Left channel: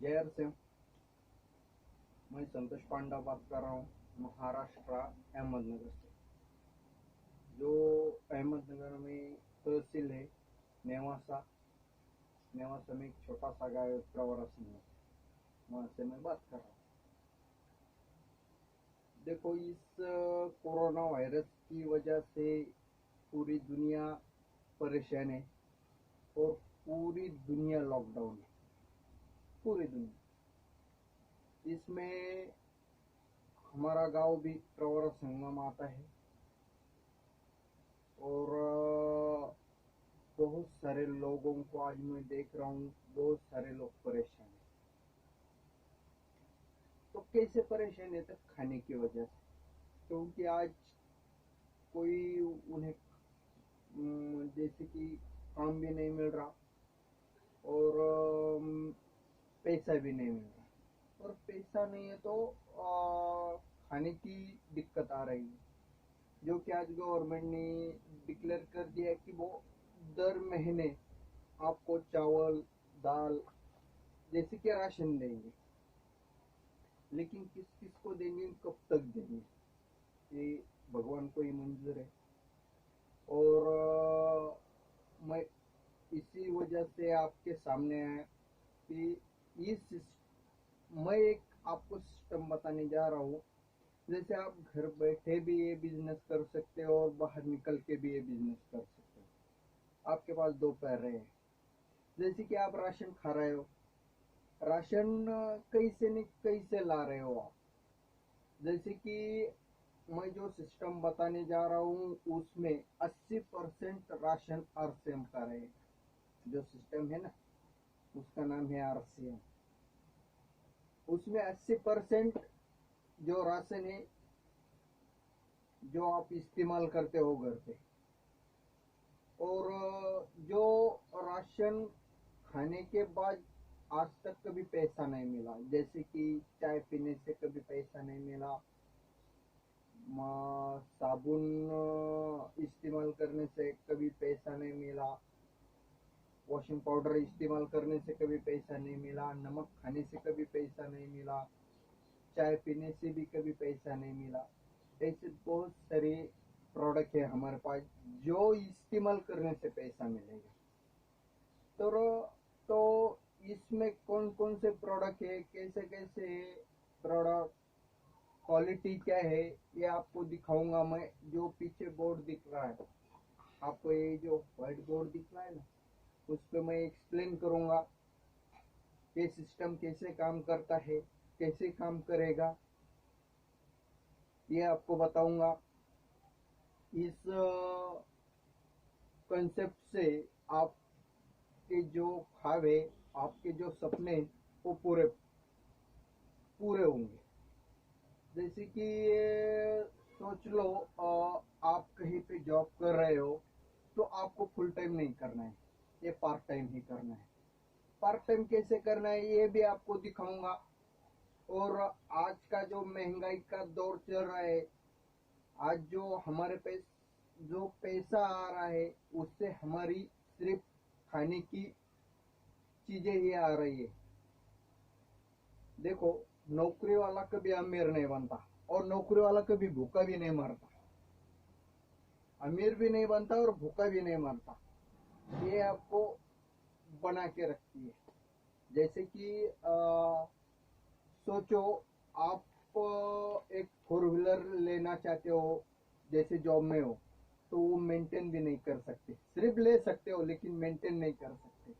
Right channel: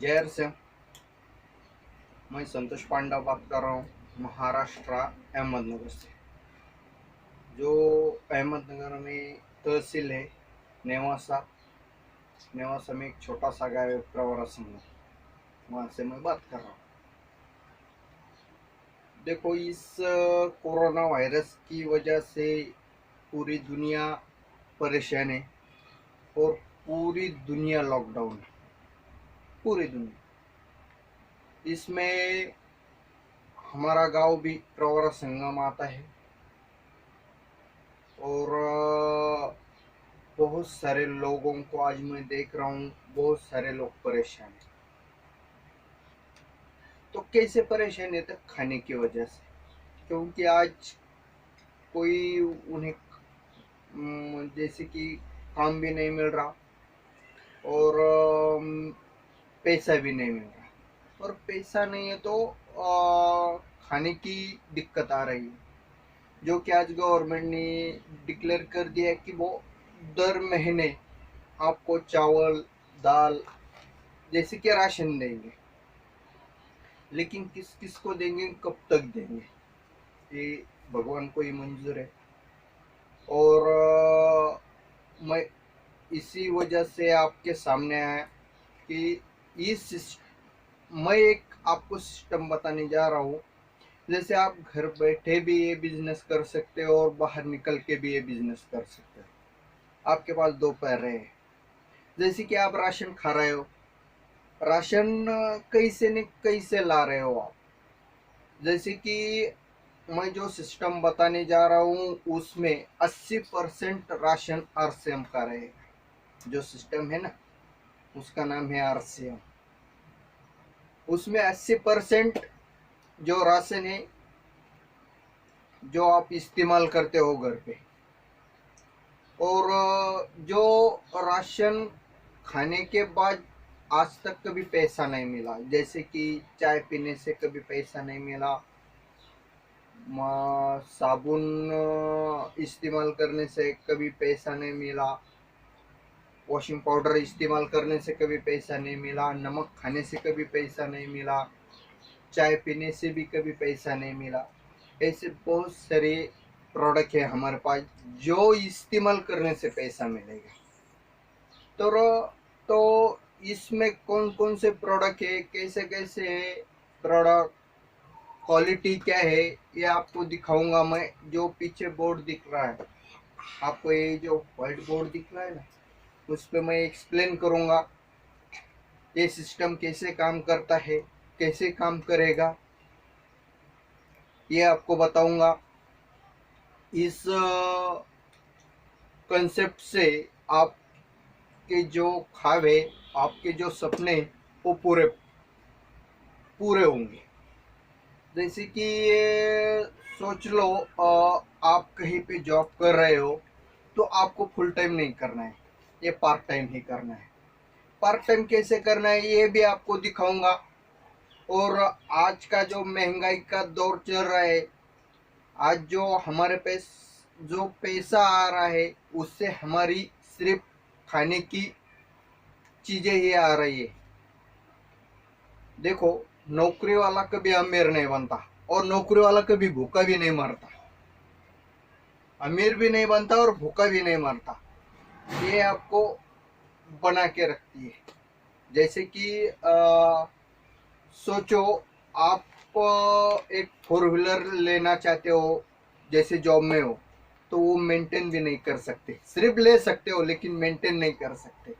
जय हर सिंह। मैं संतोष पांडा बात कर रहा हूँ, महाराष्ट्र अहमदनगर से। जो अहमदनगर में तहसील है नेवासा। नेवासा में एक छोटा सा गाँव है प्रवरा संघ, वहाँ से मैं बात कर रहा हूँ। देखो, इस कोरोना वायरस की वजह से पूरी दुनिया परेशान है और पूरी दुनिया लॉकडाउन है। पूरी दुनिया इसमें हमारा गांव भी प्रवरा संगम आता है और बहुत सारे लोगों को आज मैं देख रहा हूँ, बहुत सारे लोग परेशान हैं। तो कैसे परेशान है? तो खाने की वजह से, क्योंकि आज कोई उन्हें जैसे कि काम भी नहीं मिल रहा और पैसा भी नहीं मिल रहा। और पैसा नहीं है तो खाने की दिक्कत आ रही है। जो कि आज गवर्नमेंट ने डिक्लेयर कर दिया है कि वो दर महीने आपको चावल दाल जैसे कि राशन देंगे। लेकिन किस किस को देंगे, कब तक देंगे, ये भगवान को ही मंजूर है। और मैं इसी वजह से आपके सामने आया कि मैं एक आपको सिस्टम बताने जा रहा हूँ। जैसे आप घर बैठे भी ये बिजनेस कर सकते हो और बाहर निकल के भी ये बिजनेस कर सकते हो। आपके पास दो पैर है। जैसे कि आप राशन खा रहे हो, राशन कैसे न कैसे ला रहे हो आप। जैसे कि मैं जो सिस्टम बताने जा रहा हूँ उसमें 80% राशन आरसीएम का रहेगा। जो सिस्टम है ना, उसका नाम है आरसीएम। उसमें 80% जो राशन है जो आप इस्तेमाल करते हो घर पे, और जो राशन खाने के बाद आज तक कभी पैसा नहीं मिला। जैसे कि चाय पीने से कभी पैसा नहीं मिला, साबुन इस्तेमाल करने से कभी पैसा नहीं मिला, वॉशिंग पाउडर इस्तेमाल करने से कभी पैसा नहीं मिला, नमक खाने से कभी पैसा नहीं मिला, चाय पीने से भी कभी पैसा नहीं मिला। ऐसे बहुत सारे प्रोडक्ट है हमारे पास जो इस्तेमाल करने से पैसा मिलेगा। तो इसमें कौन कौन से प्रोडक्ट है, कैसे कैसे है प्रोडक्ट, क्वालिटी क्या है, ये आपको दिखाऊंगा मैं। जो पीछे बोर्ड दिख रहा है आपको, ये जो व्हाइट बोर्ड दिख रहा है ना, उस पर मैं एक्सप्लेन करूंगा ये सिस्टम कैसे काम करता है, कैसे काम करेगा, ये आपको बताऊंगा। इस कंसेप्ट से आपके जो ख्वाब है, आपके जो सपने, वो पूरे पूरे होंगे। जैसे कि ये सोच लो, आप कहीं पे जॉब कर रहे हो तो आपको फुल टाइम नहीं करना है, ये पार्ट टाइम ही करना है। पार्ट टाइम कैसे करना है ये भी आपको दिखाऊंगा। और आज का जो महंगाई का दौर चल रहा है, आज जो हमारे पास जो पैसा आ रहा है उससे हमारी सिर्फ खाने की चीजें ही आ रही है। देखो, नौकरी वाला कभी अमीर नहीं बनता और नौकरी वाला कभी भूखा भी नहीं मरता। अमीर भी नहीं बनता और भूखा भी नहीं मरता। ये आपको बना के रखती है। जैसे कि सोचो, आप एक फोर व्हीलर लेना चाहते हो, जैसे जॉब में हो, तो वो मेंटेन भी नहीं कर सकते। सिर्फ ले सकते हो लेकिन मेंटेन नहीं कर सकते।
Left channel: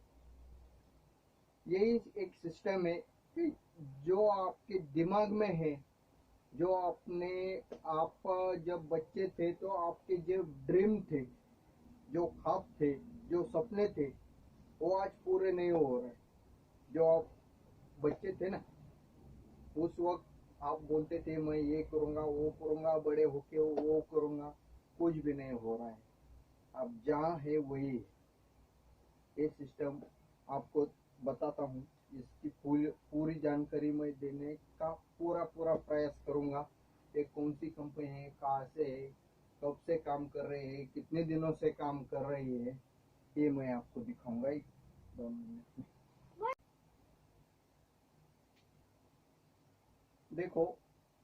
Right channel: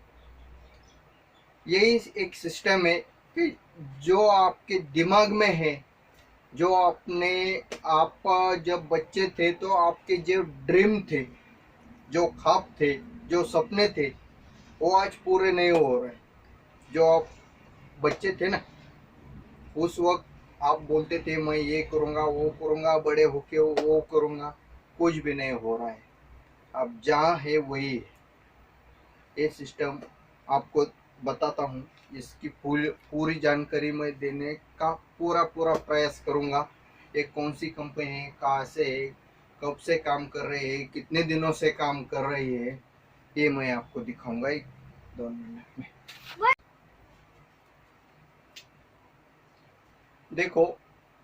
यही एक सिस्टम है कि जो आपके दिमाग में है, जो आपने आप जब बच्चे थे तो आपके जो ड्रीम थे, जो ख्वाब थे, जो सपने थे, वो आज पूरे नहीं हो रहे। जो आप बच्चे थे ना, उस वक्त आप बोलते थे मैं ये करूँगा वो करूँगा, बड़े होके वो करूँगा, कुछ भी नहीं हो रहा है। अब जहाँ है वही है। ये सिस्टम आपको बताता हूँ, इसकी पूरी जानकारी मैं देने का पूरा पूरा प्रयास करूँगा। ये कौन सी कंपनी है, कहाँ से है, कब से काम कर रही है, कितने दिनों से काम कर रही है, ये मैं आपको दिखाऊंगा एक 2 मिनट में। देखो,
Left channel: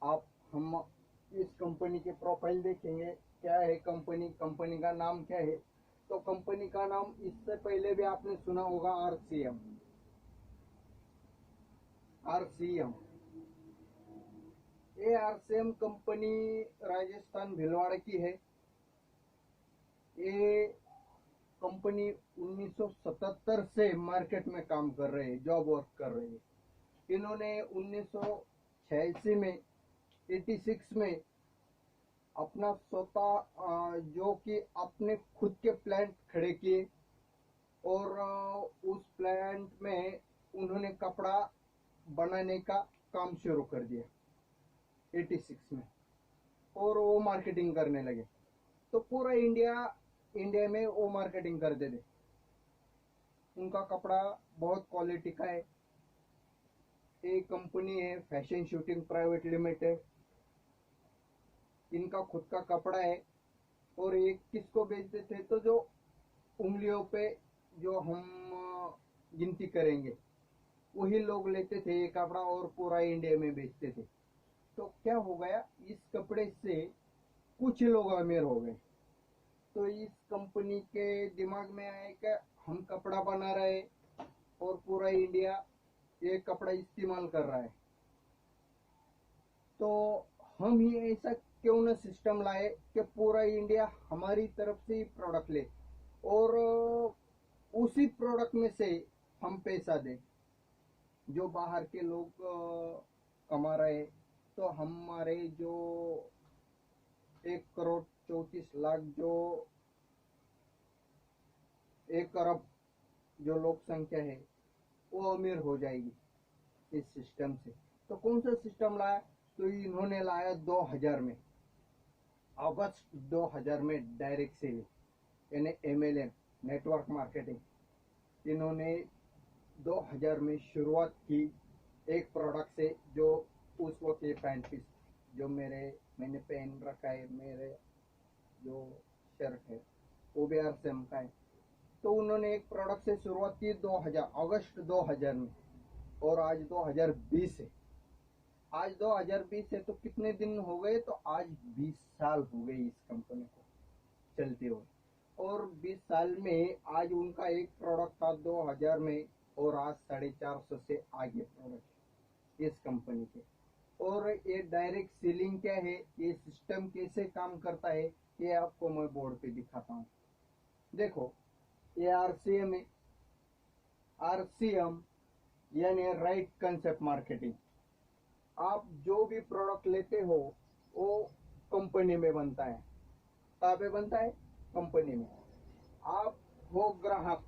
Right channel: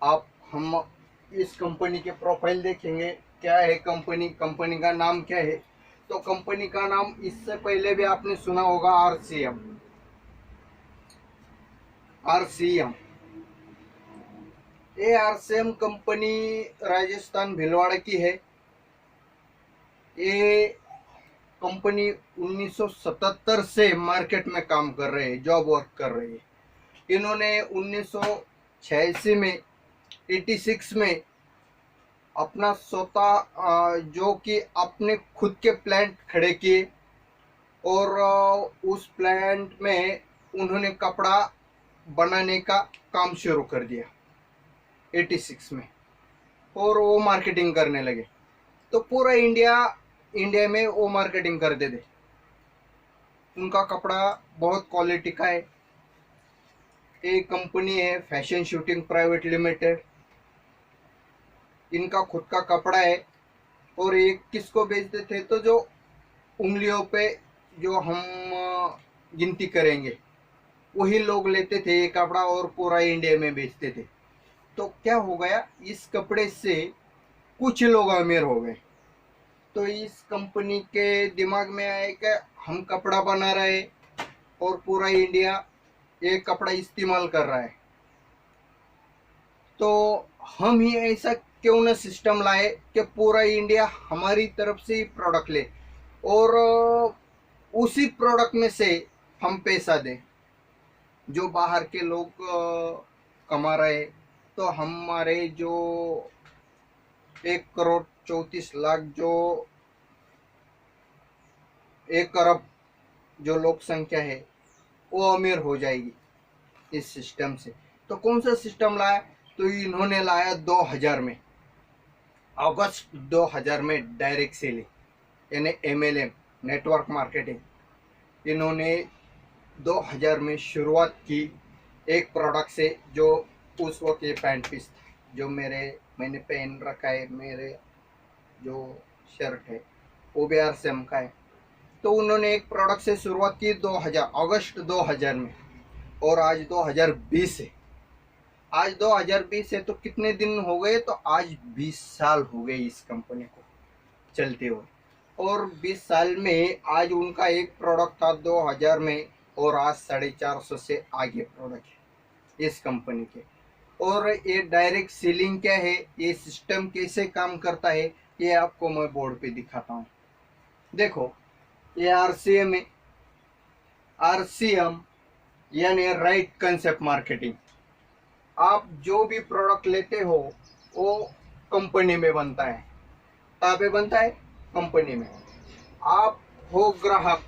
आप हम इस कंपनी के प्रोफाइल देखेंगे, क्या है कंपनी, कंपनी का नाम क्या है। तो कंपनी का नाम इससे पहले भी आपने सुना होगा, आरसीएम। आरसीएम, ये आरसीएम कंपनी राजस्थान भीलवाड़ा की है। ये कंपनी 1977 से मार्केट में काम कर रहे हैं, जॉब वर्क कर रही है। इन्होंने 1986 में, 86 में अपना स्वतः जो कि अपने खुद के प्लांट खड़े किए, और उस प्लांट में उन्होंने कपड़ा बनाने का काम शुरू कर दिया 86 में, और वो मार्केटिंग करने लगे। तो पूरा इंडिया में वो मार्केटिंग करते थे। उनका कपड़ा बहुत क्वालिटी का है। एक कंपनी है फैशन शूटिंग प्राइवेट लिमिटेड, इनका खुद का कपड़ा है। और ये किसको बेचते थे, तो जो उंगलियों पे जो हम गिनती करेंगे वही लोग लेते थे ये कपड़ा, और पूरा इंडिया में बेचते थे। तो क्या हो गया, इस कपड़े से कुछ लोग अमीर हो गए। तो इस कंपनी के दिमाग में आया कि हम कपड़ा बना रहे और पूरा इंडिया ये कपड़ा इस्तेमाल कर रहा है, तो हम ही ऐसा क्यों ना सिस्टम लाए कि पूरा इंडिया हमारी तरफ से ही प्रोडक्ट ले, और उसी प्रोडक्ट में से हम पैसा दें। जो बाहर के लोग कमा रहे, तो हमारे जो 1 करोड़ 34 लाख, जो 1 अरब जो लोक संख्या है, वो अमीर हो जाएगी इस सिस्टम से। तो कौन सा सिस्टम लाया, तो इन्होंने लाया 2000 में, अगस्त 2000 में डायरेक्ट सेलिंग यानी एमएलएम, नेटवर्क मार्केटिंग। इन्होंने 2000 में शुरुआत की एक प्रोडक्ट से, जो उस वक्त ये पैंट पीस था जो मैंने पहन रखा है, मेरे जो शर्ट है वो भी आरसीएम का है। तो उन्होंने एक प्रोडक्ट से शुरुआत की 2000, अगस्त 2000 में, और आज 2020 है। आज 2020 है, तो कितने दिन हो गए, तो आज 20 साल हो गए इस कंपनी को चलते हुए। और 20 साल में आज उनका एक प्रोडक्ट था 2000 में, और आज 450 से आगे प्रोडक्ट है इस कंपनी के। और ये डायरेक्ट सेलिंग क्या है, ये सिस्टम कैसे काम करता है, ये आपको मैं बोर्ड पे दिखाता हूँ। देखो, ये आरसीएम है। आरसीएम यानी राइट कंसेप्ट मार्केटिंग। आप जो भी प्रोडक्ट लेते हो वो कंपनी में बनता है। कहाँ पे बनता है, कंपनी में। आप हो ग्राहक,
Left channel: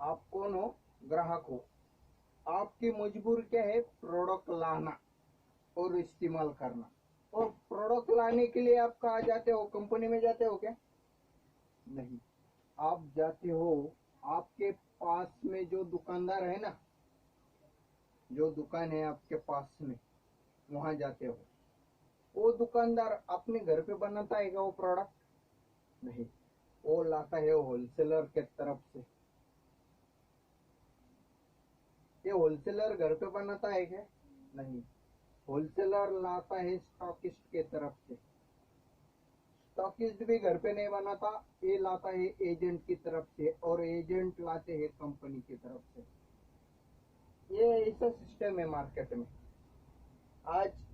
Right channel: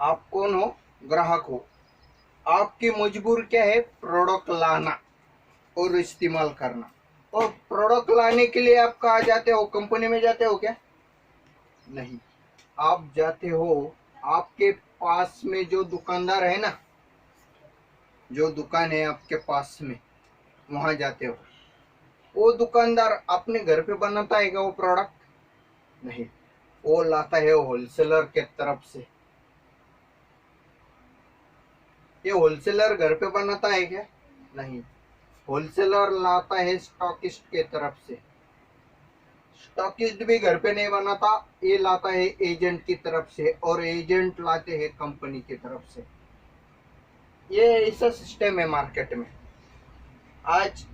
आप कौन हो, ग्राहक हो। आपकी मजबूर क्या है, प्रोडक्ट लाना और इस्तेमाल करना। और प्रोडक्ट लाने के लिए आप कहाँ जाते हो, कंपनी में जाते हो क्या, नहीं। आप जाते हो आपके पास में जो दुकानदार है ना, जो दुकान है आपके पास में, वहां जाते हो। वो दुकानदार अपने घर पे बनाता है क्या वो प्रोडक्ट, नहीं। वो लाता है होलसेलर के तरफ से। ये होलसेलर घर पे बनाता है क्या, नहीं। होलसेलर लाता है स्टॉकिस्ट के तरफ से। स्टॉकिस्ट भी घर पे नहीं बनाता, ये लाता है एजेंट की तरफ से, और एजेंट लाते हैं कंपनी की तरफ से। ये ऐसा सिस्टम है मार्केट में। आज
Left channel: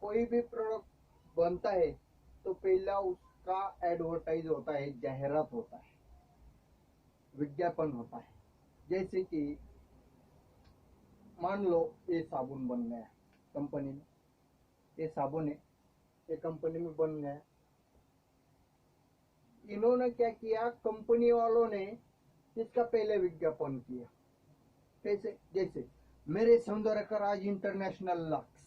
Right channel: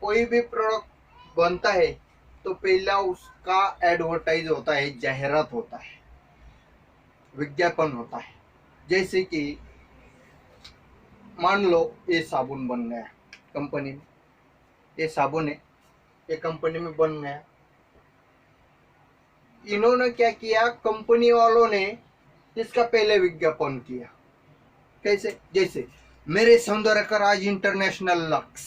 कोई भी प्रोडक्ट बनता है तो पहला उसका एडवर्टाइज होता है, जाहिरात होता है, विज्ञापन होता है। जैसे कि मान लो ये साबुन बन गया कंपनी में, ये साबुन है, ये कंपनी में बन गया। इन्होंने क्या किया, कंपनी वालों ने इसका पहले विज्ञापन किया। कैसे, जैसे मेरे सौंदर्य का राज इंटरनेशनल लक्स,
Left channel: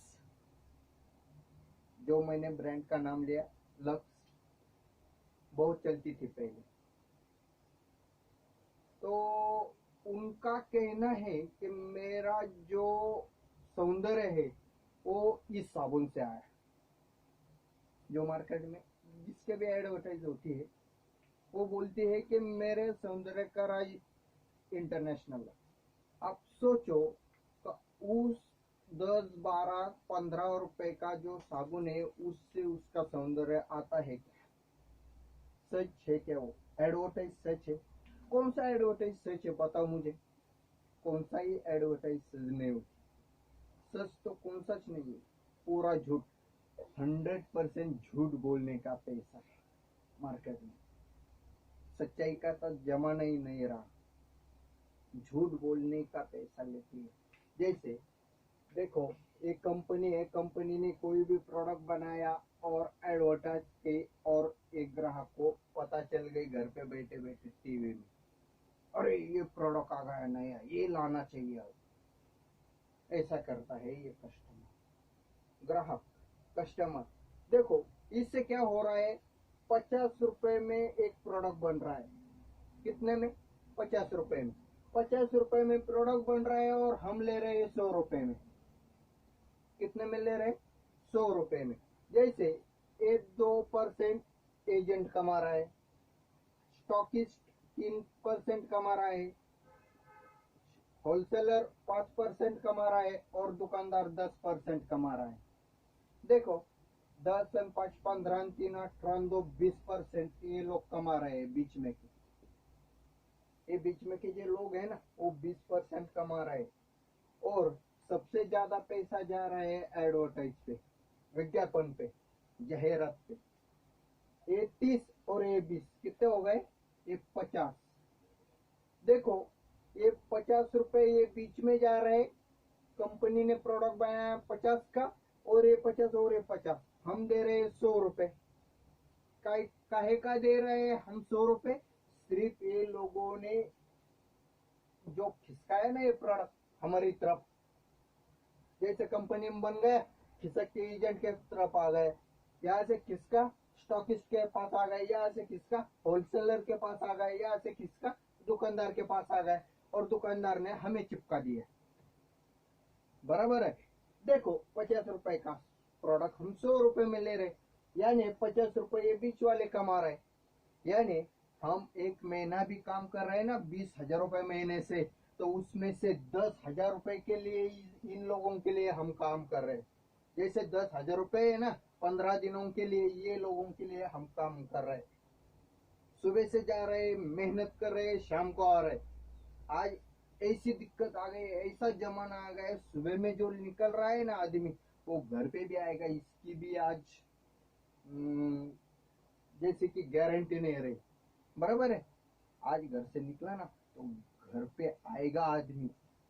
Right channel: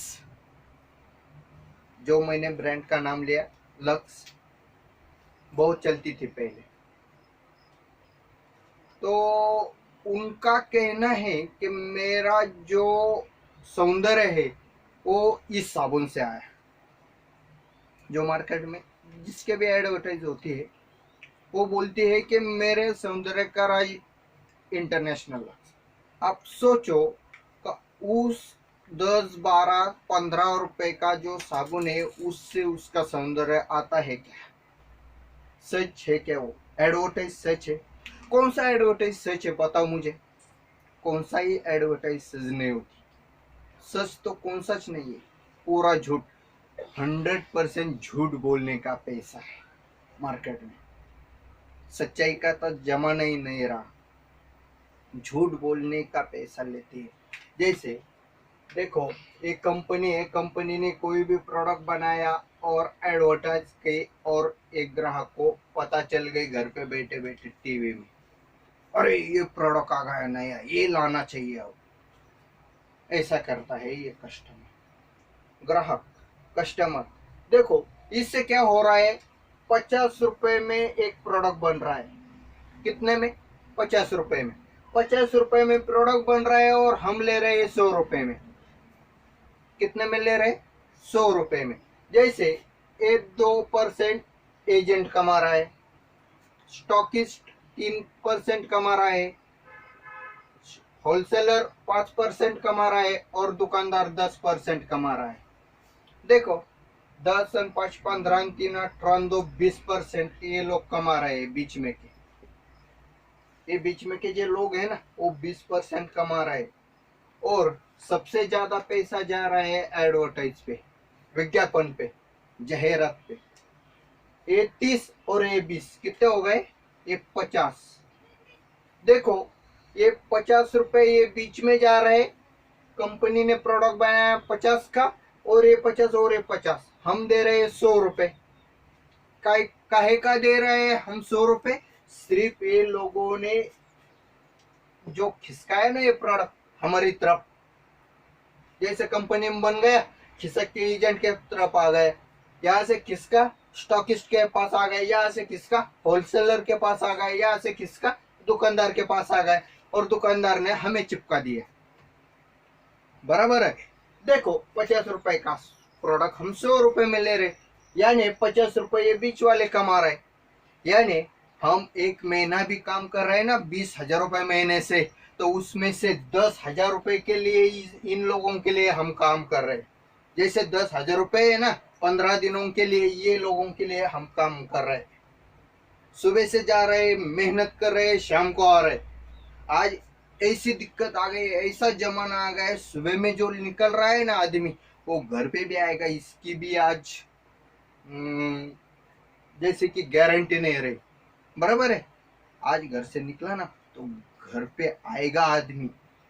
जो मैंने ब्रांड का नाम लिया, लक्स बहुत चलती थी पहले। तो उनका कहना है कि मेरा जो सौंदर्य है वो इस साबुन से आया। जो मार्केट में जिसके भी एडवर्टाइज होती है, वो बोलती है कि मेरे सौंदर्य का राज इंटरनेशनल। आप सोचो, तो उस 10, 12, 15 रुपए का जो साबुन है उससे उसका सौंदर्य आता है क्या? सच है क्या वो एडवर्टाइज सच है? कौन सा एडवर्टाइज सच है बताओ मुझे? कौन सा ही एडवर्टाइज सच नहीं होती। सच तो कौन सच नहीं है, पूरा झूठ। 100% झूठ बोलने का पैसा है मार्केट में। सच्चाई का तो जमाना ही नहीं रहा, झूठ बोलने का पैसा लेते हैं। जैसे देखो, एक कंपनी है, कंपनी ने कोई भी प्रोडक्ट बनाया और एडवर्टाइज की, और एक ग्राहक को पता चल गई घर पे बैठे बैठे टीवी में, अरे ये प्रोडक्ट आ गया नया, ये लाना चाहिए अब। ऐसा करता है ये कस्टमर, ग्राहक, कस्टमर। देखो इससे क्या हो रहा है, 50 रुपए में एक प्रोडक्ट बन रहा है। कितने में? 50 रुपए में। 50 रुपए में प्रोडक्ट बन रहा है और हम ले रहे हैं 100 रुपए में। कितने में ले रहे? 100 रुपए में। जैसे 1-2% एजेंट कमा रहा है, स्टॉकिस्ट 3% कमा रहा है, होलसेलर 5% कमा रहा है और दुकानदार 10% कमा रहा है। देखो 10 और 5, 15, 3, 18, 2, 20% ये लोग कमा रहे हैं बीच में के। ये बीच में के जो लोग हैं ना वो 20% कमा रहे हैं। और सबसे ज्यादा पैसा जा रहा है एडवर्टाइज पे, विज्ञापन पे, जाहिरात पे। ये 30 और ये 20 कितने हो गए? ये 50। देखो ये 50 रुपए ये बीच में जा रहे। कंपनी ने प्रोडक्ट बनाया 50 का, और ये 50 और ये 50, हम दे रहे हैं 100 रुपए। काहे का दे रहे हैं हम 100 रुपए? सिर्फ ये लोगों ने जो खिसकाया ना ये प्रोडक्ट हमारी तरफ, जैसे कंपनी में बन गया, खिसक के एजेंट के तरफ आ गए, यहाँ से किसका स्टॉकिस्ट के पास आ गए, यहाँ से किसका होलसेलर के पास आ गए, यहाँ से किसका दुकानदार के पास आ गए, और दुकानदार ने हमें चिपका दिया। बराबर है। देखो 50 रुपए का प्रोडक्ट हम 100 रुपए में ले रहे, यानी 50 रुपए ये बीच वाले कमा रहे। यानी हम एक महीना भी काम कर रहे हैं ना 20,000 रुपए महीने से, तो उसमें से 10,000 रुपए के लिए इन लोगों के लिए हम काम कर रहे हैं। जैसे 10,000 रुपए है ना 15 दिनों के लिए, ये लोगों के लिए हम काम कर रहे हैं। सुबह से जा रहे, मेहनत कर रहे, शाम को आ रहे। आज ऐसी दिक्कत आ गई, ऐसा जमाना आ गया है, सुबह में जो निकल रहा है ना आदमी, वो घर पे भी आएगा, इसकी भी आज जैसे कि गारंटी नहीं रही। बराबर है। आज घर से निकला ना तो घर पे आएगा आदमी,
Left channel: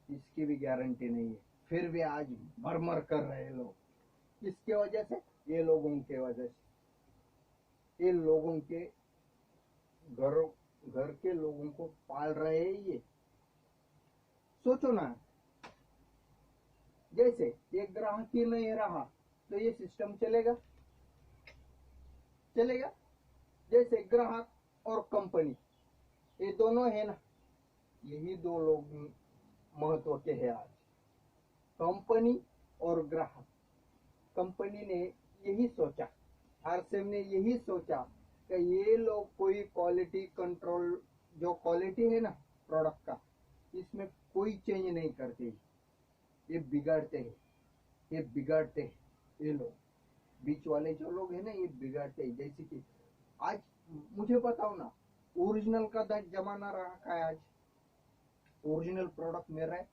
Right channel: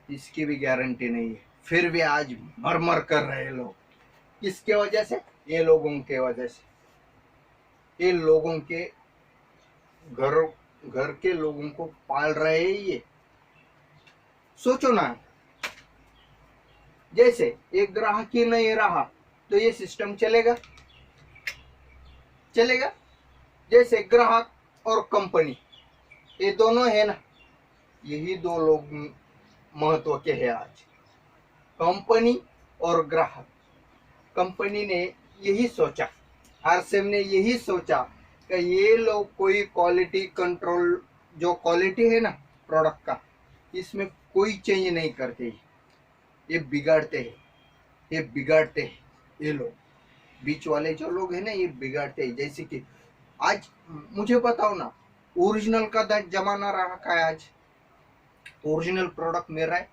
इसकी भी गारंटी नहीं है। फिर भी आज मर मर कर रहे हैं लोग। किसके वजह से? ये लोगों के वजह से। ये लोगों के घर घर के लोगों को पाल रहे हैं ये। सोचो ना, जैसे एक ग्राहक ही नहीं रहा तो ये सिस्टम चलेगा? चलेगा? जैसे ग्राहक और कंपनी, ये दोनों है ना, यही दो लोग महत्व के हैं आज, कंपनी और ग्राहक। कंपनी ने यही सोचा, आरसीएम ने यही सोचा कि ये लोग कोई क्वालिटी कंट्रोल, जो क्वालिटी है ना प्रोडक्ट का, इसमें कोई चेंज नहीं करते, ये बिगाड़ते हैं, ये बिगाड़ते हैं। ये लोग बीच वाले जो लोग हैं ना ये बिगाड़ते हैं। जैसे कि आज मुझे बताओ ना, ओरिजिनल का जमाना रहा का आज? ओरिजिनल प्रोडक्ट मिल रहा है,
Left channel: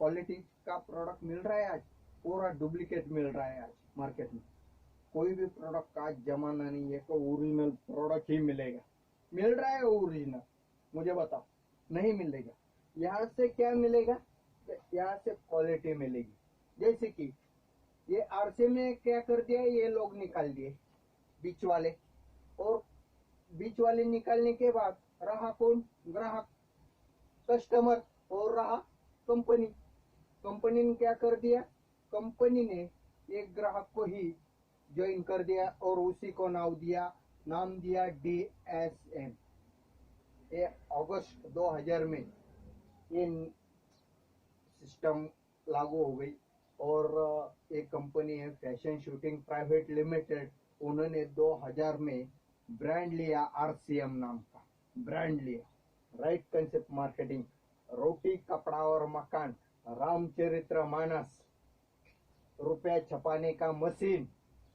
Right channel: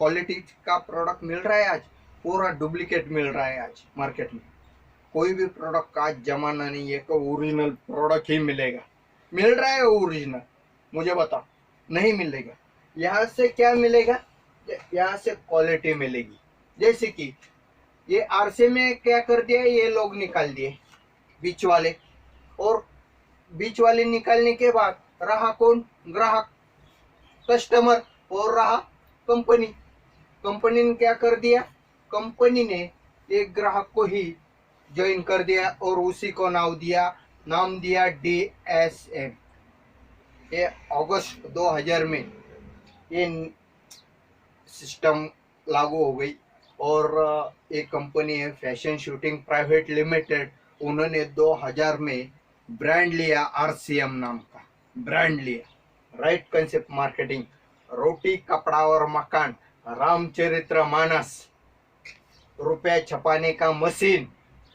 क्वालिटी का प्रोडक्ट मिल रहा है आज? पूरा डुप्लीकेट मिल रहा है आज मार्केट में। कोई भी प्रोडक्ट का आज जमाना नहीं है कि ओरिजिनल प्रोडक्ट ही मिलेगा। मिल रहा है ओरिजिनल? मुझे बताओ, नहीं मिलेगा। यहाँ से क्या मिलेगा? यहाँ से क्वालिटी मिलेगी। जैसे कि ये आरसे में क्या कर दिया, ये लोग निकाल दिए बीच वाले, और बीच वाले निकालने के बाद रहा कौन? ग्राहक, कस्टमर, और रहा कंपनी। कंपनी ने क्या कर दिया? कंपनी ने एक ग्राहक को ही ज्वाइन कर दिया और उसी को नाम दिया DSM। ये अगस्त 2000 में ये सिस्टम लागू हो गई। और एक कंपनी है फैशन शूटिंग प्राइवेट लिमिटेड, उन्होंने 2000 में ब्रांड लिया, RCM नाम का ब्रांड लिया, राइट कंसेप्ट मार्केटिंग। रोटी कपड़ा और मकान रामचरितमानस, रुपया छपाने का मशीन,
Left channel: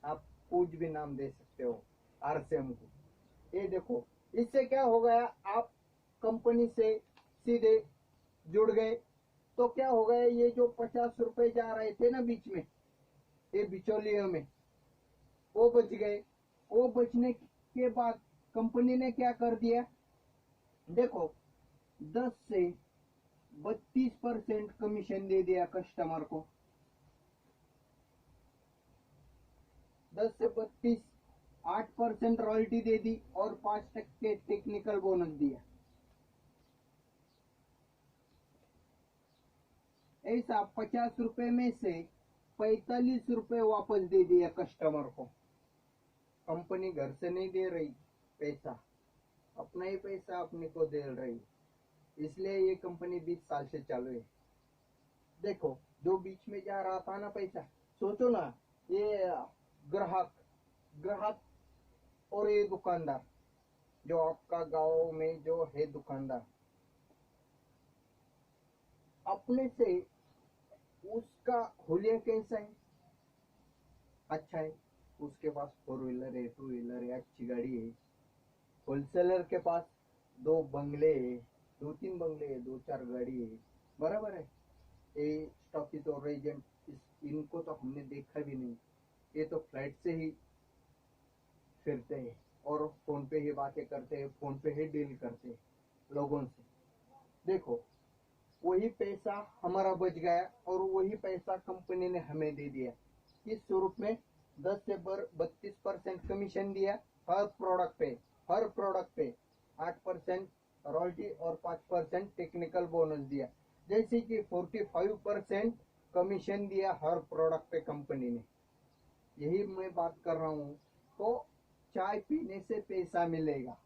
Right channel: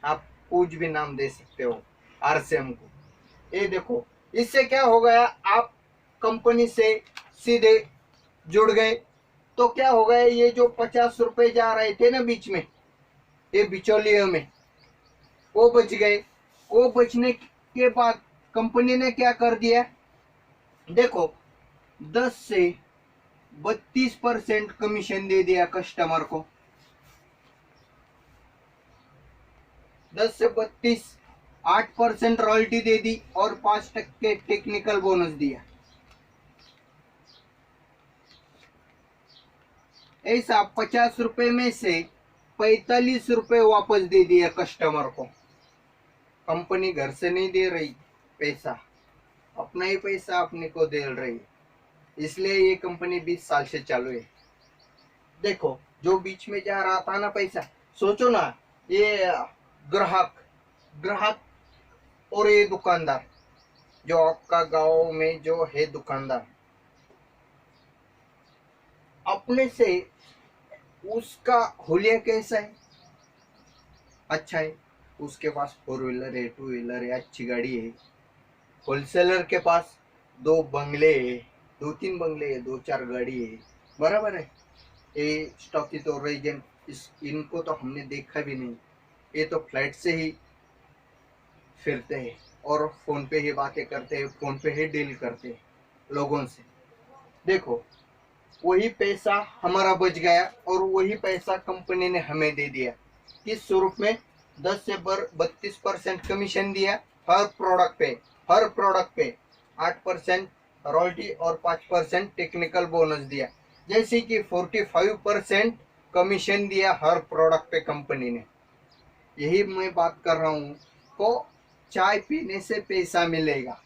आप कुछ भी नाम दे सकते हो आरसीएम को। ये देखो, इससे क्या हो गया, आप कंपनी से सीधे जुड़ गए तो क्या हो गया, ये जो 50 रुपए जा रहे थे ना बीच में, ये बिचौलियों में, वो बच गए। वो बचने के बाद कंपनी ने क्या कर दिया, देखो 10 से 32% कमीशन दे दिया कस्टमर को। 10 से 32, 8% रॉयल्टी दे दी और 5% टेक्निकल बोनस दिया। ऐसा 50 रुपए में से 45 रुपए वापस दे दिया कस्टमर को। कंपनी घर से नहीं दे रही पैसा, अपना ही पैसा अपने को दे रही है, इसलिए ये कंपनी 20 साल से चालू है। देखो जो बीच में जा रहा था ना पैसा, सोचो ना, ये ग्राहक ग्राहक और ये दुकानदार, जो आपका गांव में जो है दुकानदार, अपने से उसका हुलिया कैसा है, अच्छा है, उसके पास 4 व्हीलर है, 2 व्हीलर है, अच्छी गाड़ी है। होलसेलर के पास 2 बंगले है, 2-3 बंगले है, 2-4 गाड़ी है, बराबर है। ये स्टॉकी और एजेंट, इनको तो हमने देखा भी नहीं, ये तो फ्लाइट से ही फिरते हैं और फोन पे ही बातें करते हैं, फोन पे ही डील करते हैं लोगों से। देखो वही पैसा हमारा बच गया और वही पैसा कंपनी ने हमें दे दिया। किस स्वरूप में, 10 से 32% कमीशन दिया हर प्रोडक्ट पे 8% रॉयल्टी और 5% टेक्निकल बोनस दिया। जैसे कि 45% कमीशन दिया हर प्रोडक्ट पे कंपनी ने। यही मैं बात कर रहा हूँ, तो चाय पीने से पैसा मिलेगा,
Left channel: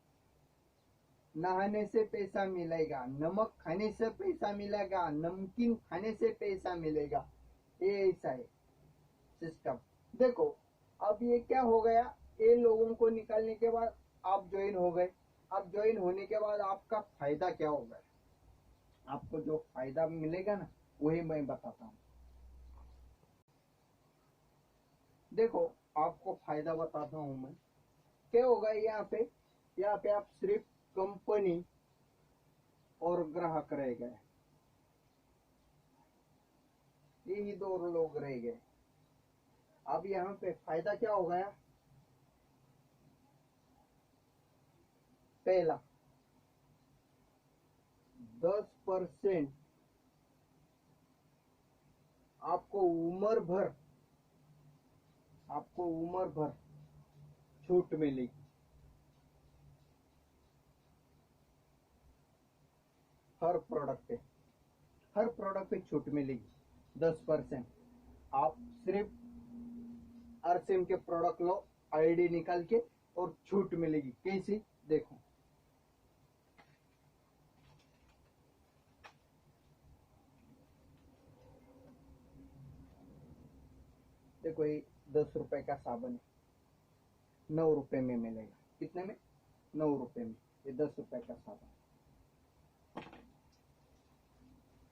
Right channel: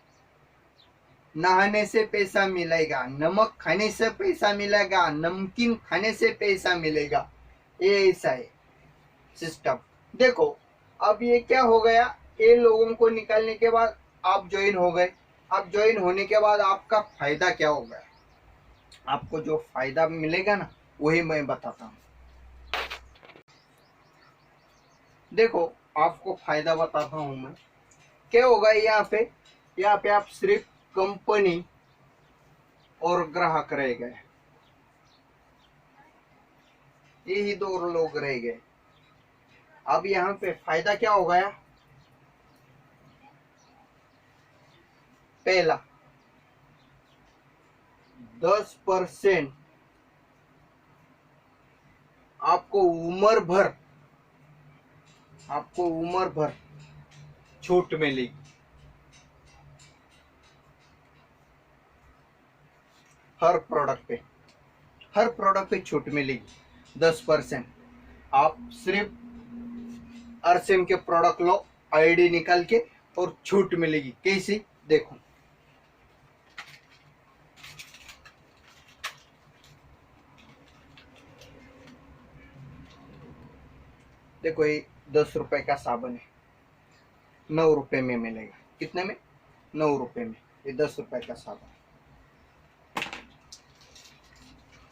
नहाने से पैसा मिलेगा, नमक खाने से पैसा मिलेगा, नमकीन खाने से पैसा मिलेगा, ये ऐसा है सिस्टम। देखो अब ये क्या हो गया, ये लोगों को निकालने के बाद आप ज्वाइन हो गए। आप ज्वाइन होने के बाद आपका फायदा क्या होगा, आपको जो फायदा मिलेगा ना वही मैं बताता हूँ। देखो आपको फायदा बताता हूँ मैं, क्या होगा यहाँ पे आप सिर्फ कंपनी और ग्राहक रह गए, यही 2 लोग रह गए। अब यहाँ पे फायदा क्या हो गया, पहला 10% आपको उम्र भर छूट मिलेगी। हर प्रोडक्ट पे छूट मिलेगी 10%। आप सिर्फ आरसीएम के प्रोडक्ट लो, आईडी निकाल के, और छूट मिलेगी। कैसी, देखो देखो ये 10 रुपए का साबुन है, 9 रुपए में मिलेगा। कितने में, 9 रुपए में। ये 10 रुपए का साबुन है।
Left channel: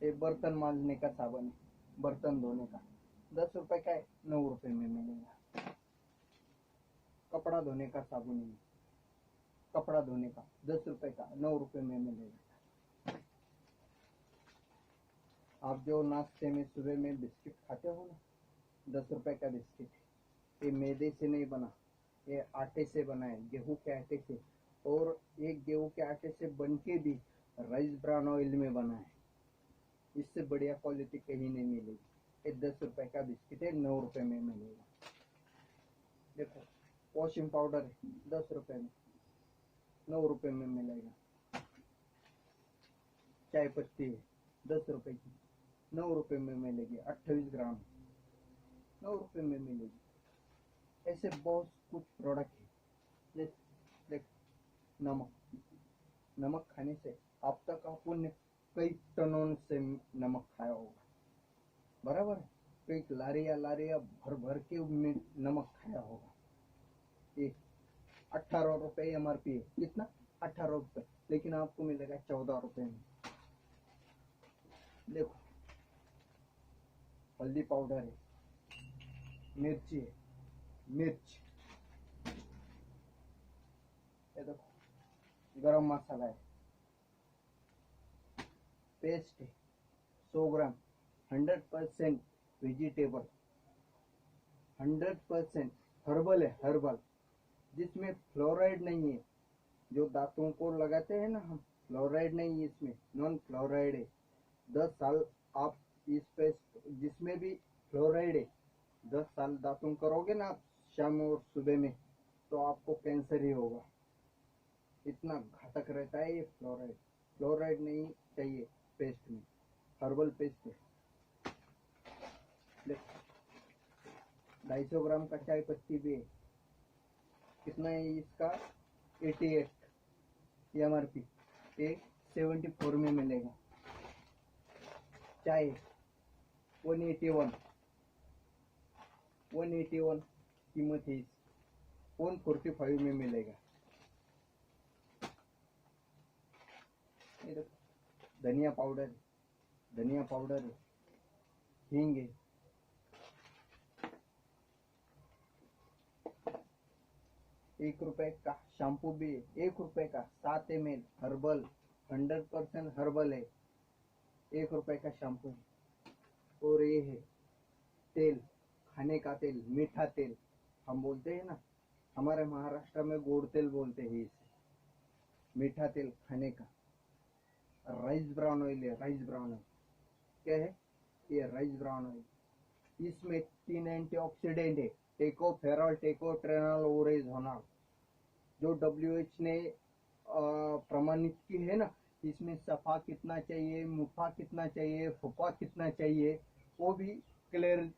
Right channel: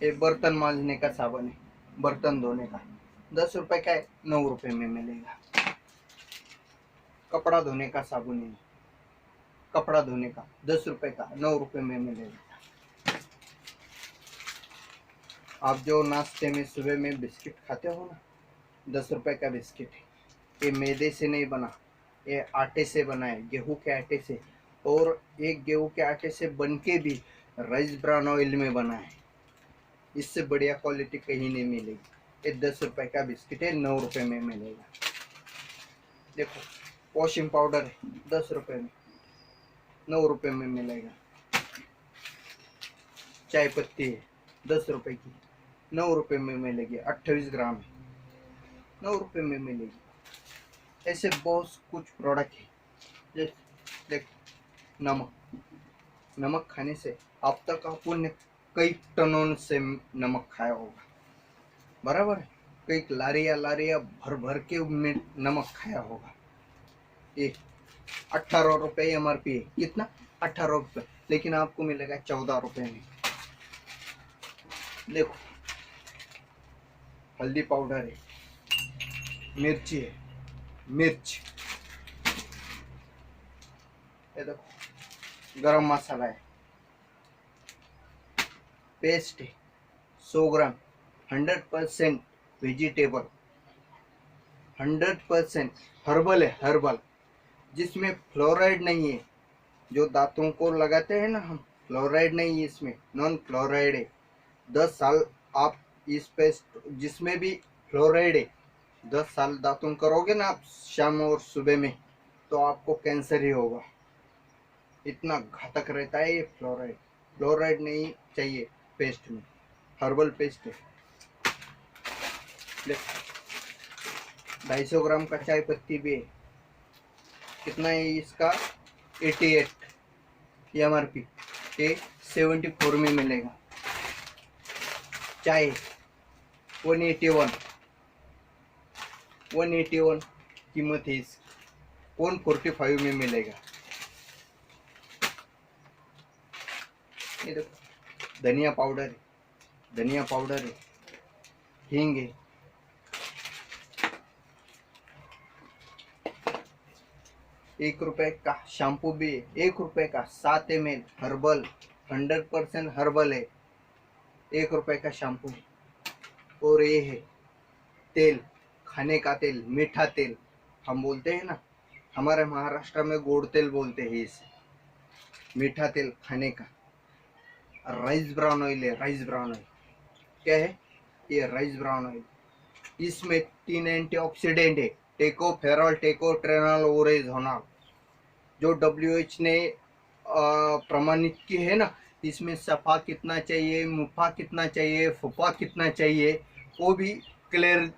ये बर्तन मांजने का साबुन है, बर्तन धोने का, 10 रुपए का है, 9 रुपए में मिलेगा। कपड़ा धोने का साबुन है, कपड़ा धोने का 10 रुपए का, 9 रुपए में मिलेगा। आप जो नाश्ते में सुबह में बिस्किट खाते हो ना, 10 रुपए का बिस्किट है। ये मैदे से नहीं बना, ये आटे से बना है, गेहूं के आटे से। और एक गेहूं के आटे से बन के भी राइस ब्राउन ऑयल में बना है। इससे बढ़िया क्वालिटी कहीं नहीं मिलेगी। ये 10 रुपए का बिस्किट है, 9 रुपए में मिलेगा। देखो वॉशिंग पाउडर है, 10 रुपए में, 9 रुपए में मिलेगा। चाय पत्ती है 10 रुपए की, 9 रुपए में मिलेगी। 28 ग्राम है, 9 रुपए में मिलेगी। ऐसे बहुत कुछ प्रोडक्ट है। जैसे देख, नमक खाने से अब तक आपने कई टनों से नमक खाया होगा, बराबर है। कई लारिया भर भर के नमक खाया होगा। ये 18 रुपए MRP है। कितना, 18 रुपए, लेकिन आपको मिलेगा 14 रुपए में। देखो हल्दी पाउडर है, मिर्ची है, मिर्च, ये देखो गरम मसाला है, पेस्ट है 100 ग्राम, 100% वेजिटेबल, 100% हर्बल है, हर्बल, जिसमें फ्लोराइड नहीं है। जो दांतों को लगाते हैं ना हम, फ्लोराइड नहीं है इसमें, नॉन फ्लोराइड है। 10 साल आप इस पेस्ट, जिसमें भी फ्लोराइड है, 10 साल दातुन करोगे ना आप शाम और सुबह में, तो आपको कैंसर ही होगा। इतना घातक रहता है ये फ्लोराइड। फ्लोराइड नहीं चाहिए पेस्ट में, हर्बल पेस्ट है। 250 ग्राम का चाय पत्ती भी है। कितना है इसका? 88 MRP, ये 74 में मिलेगा। चाय 181 कीमत है इसकी, 145 में मिलेगा। ये देखो धनिया पाउडर है, धनिया पाउडर है, हींग है, ₹1 का शैम्पू भी है, ₹1 का 7 ml हर्बल, 100% हर्बल है, ₹1 का शैम्पू। और ये है तेल, खाने का तेल, मीठा तेल हम बोलते हैं ना, हमारे महाराष्ट्र में गोड़ तेल बोलते हैं इसे, मीठा तेल खाने का। राइस ब्राउन ऑयल है, राइस ब्राउन ऑयल। क्या है ये? Rice brown oil. इसमें 3 एंटीऑक्सीडेंट है, टेकोफेरॉल, टेकोट्रेनॉल, ओरेझोनॉल, जो WHO ने प्रमाणित की है ना। इसमें सफा कितना चाहिए, मुफा कितना चाहिए, फुफा कितना चाहिए, वो भी क्लियर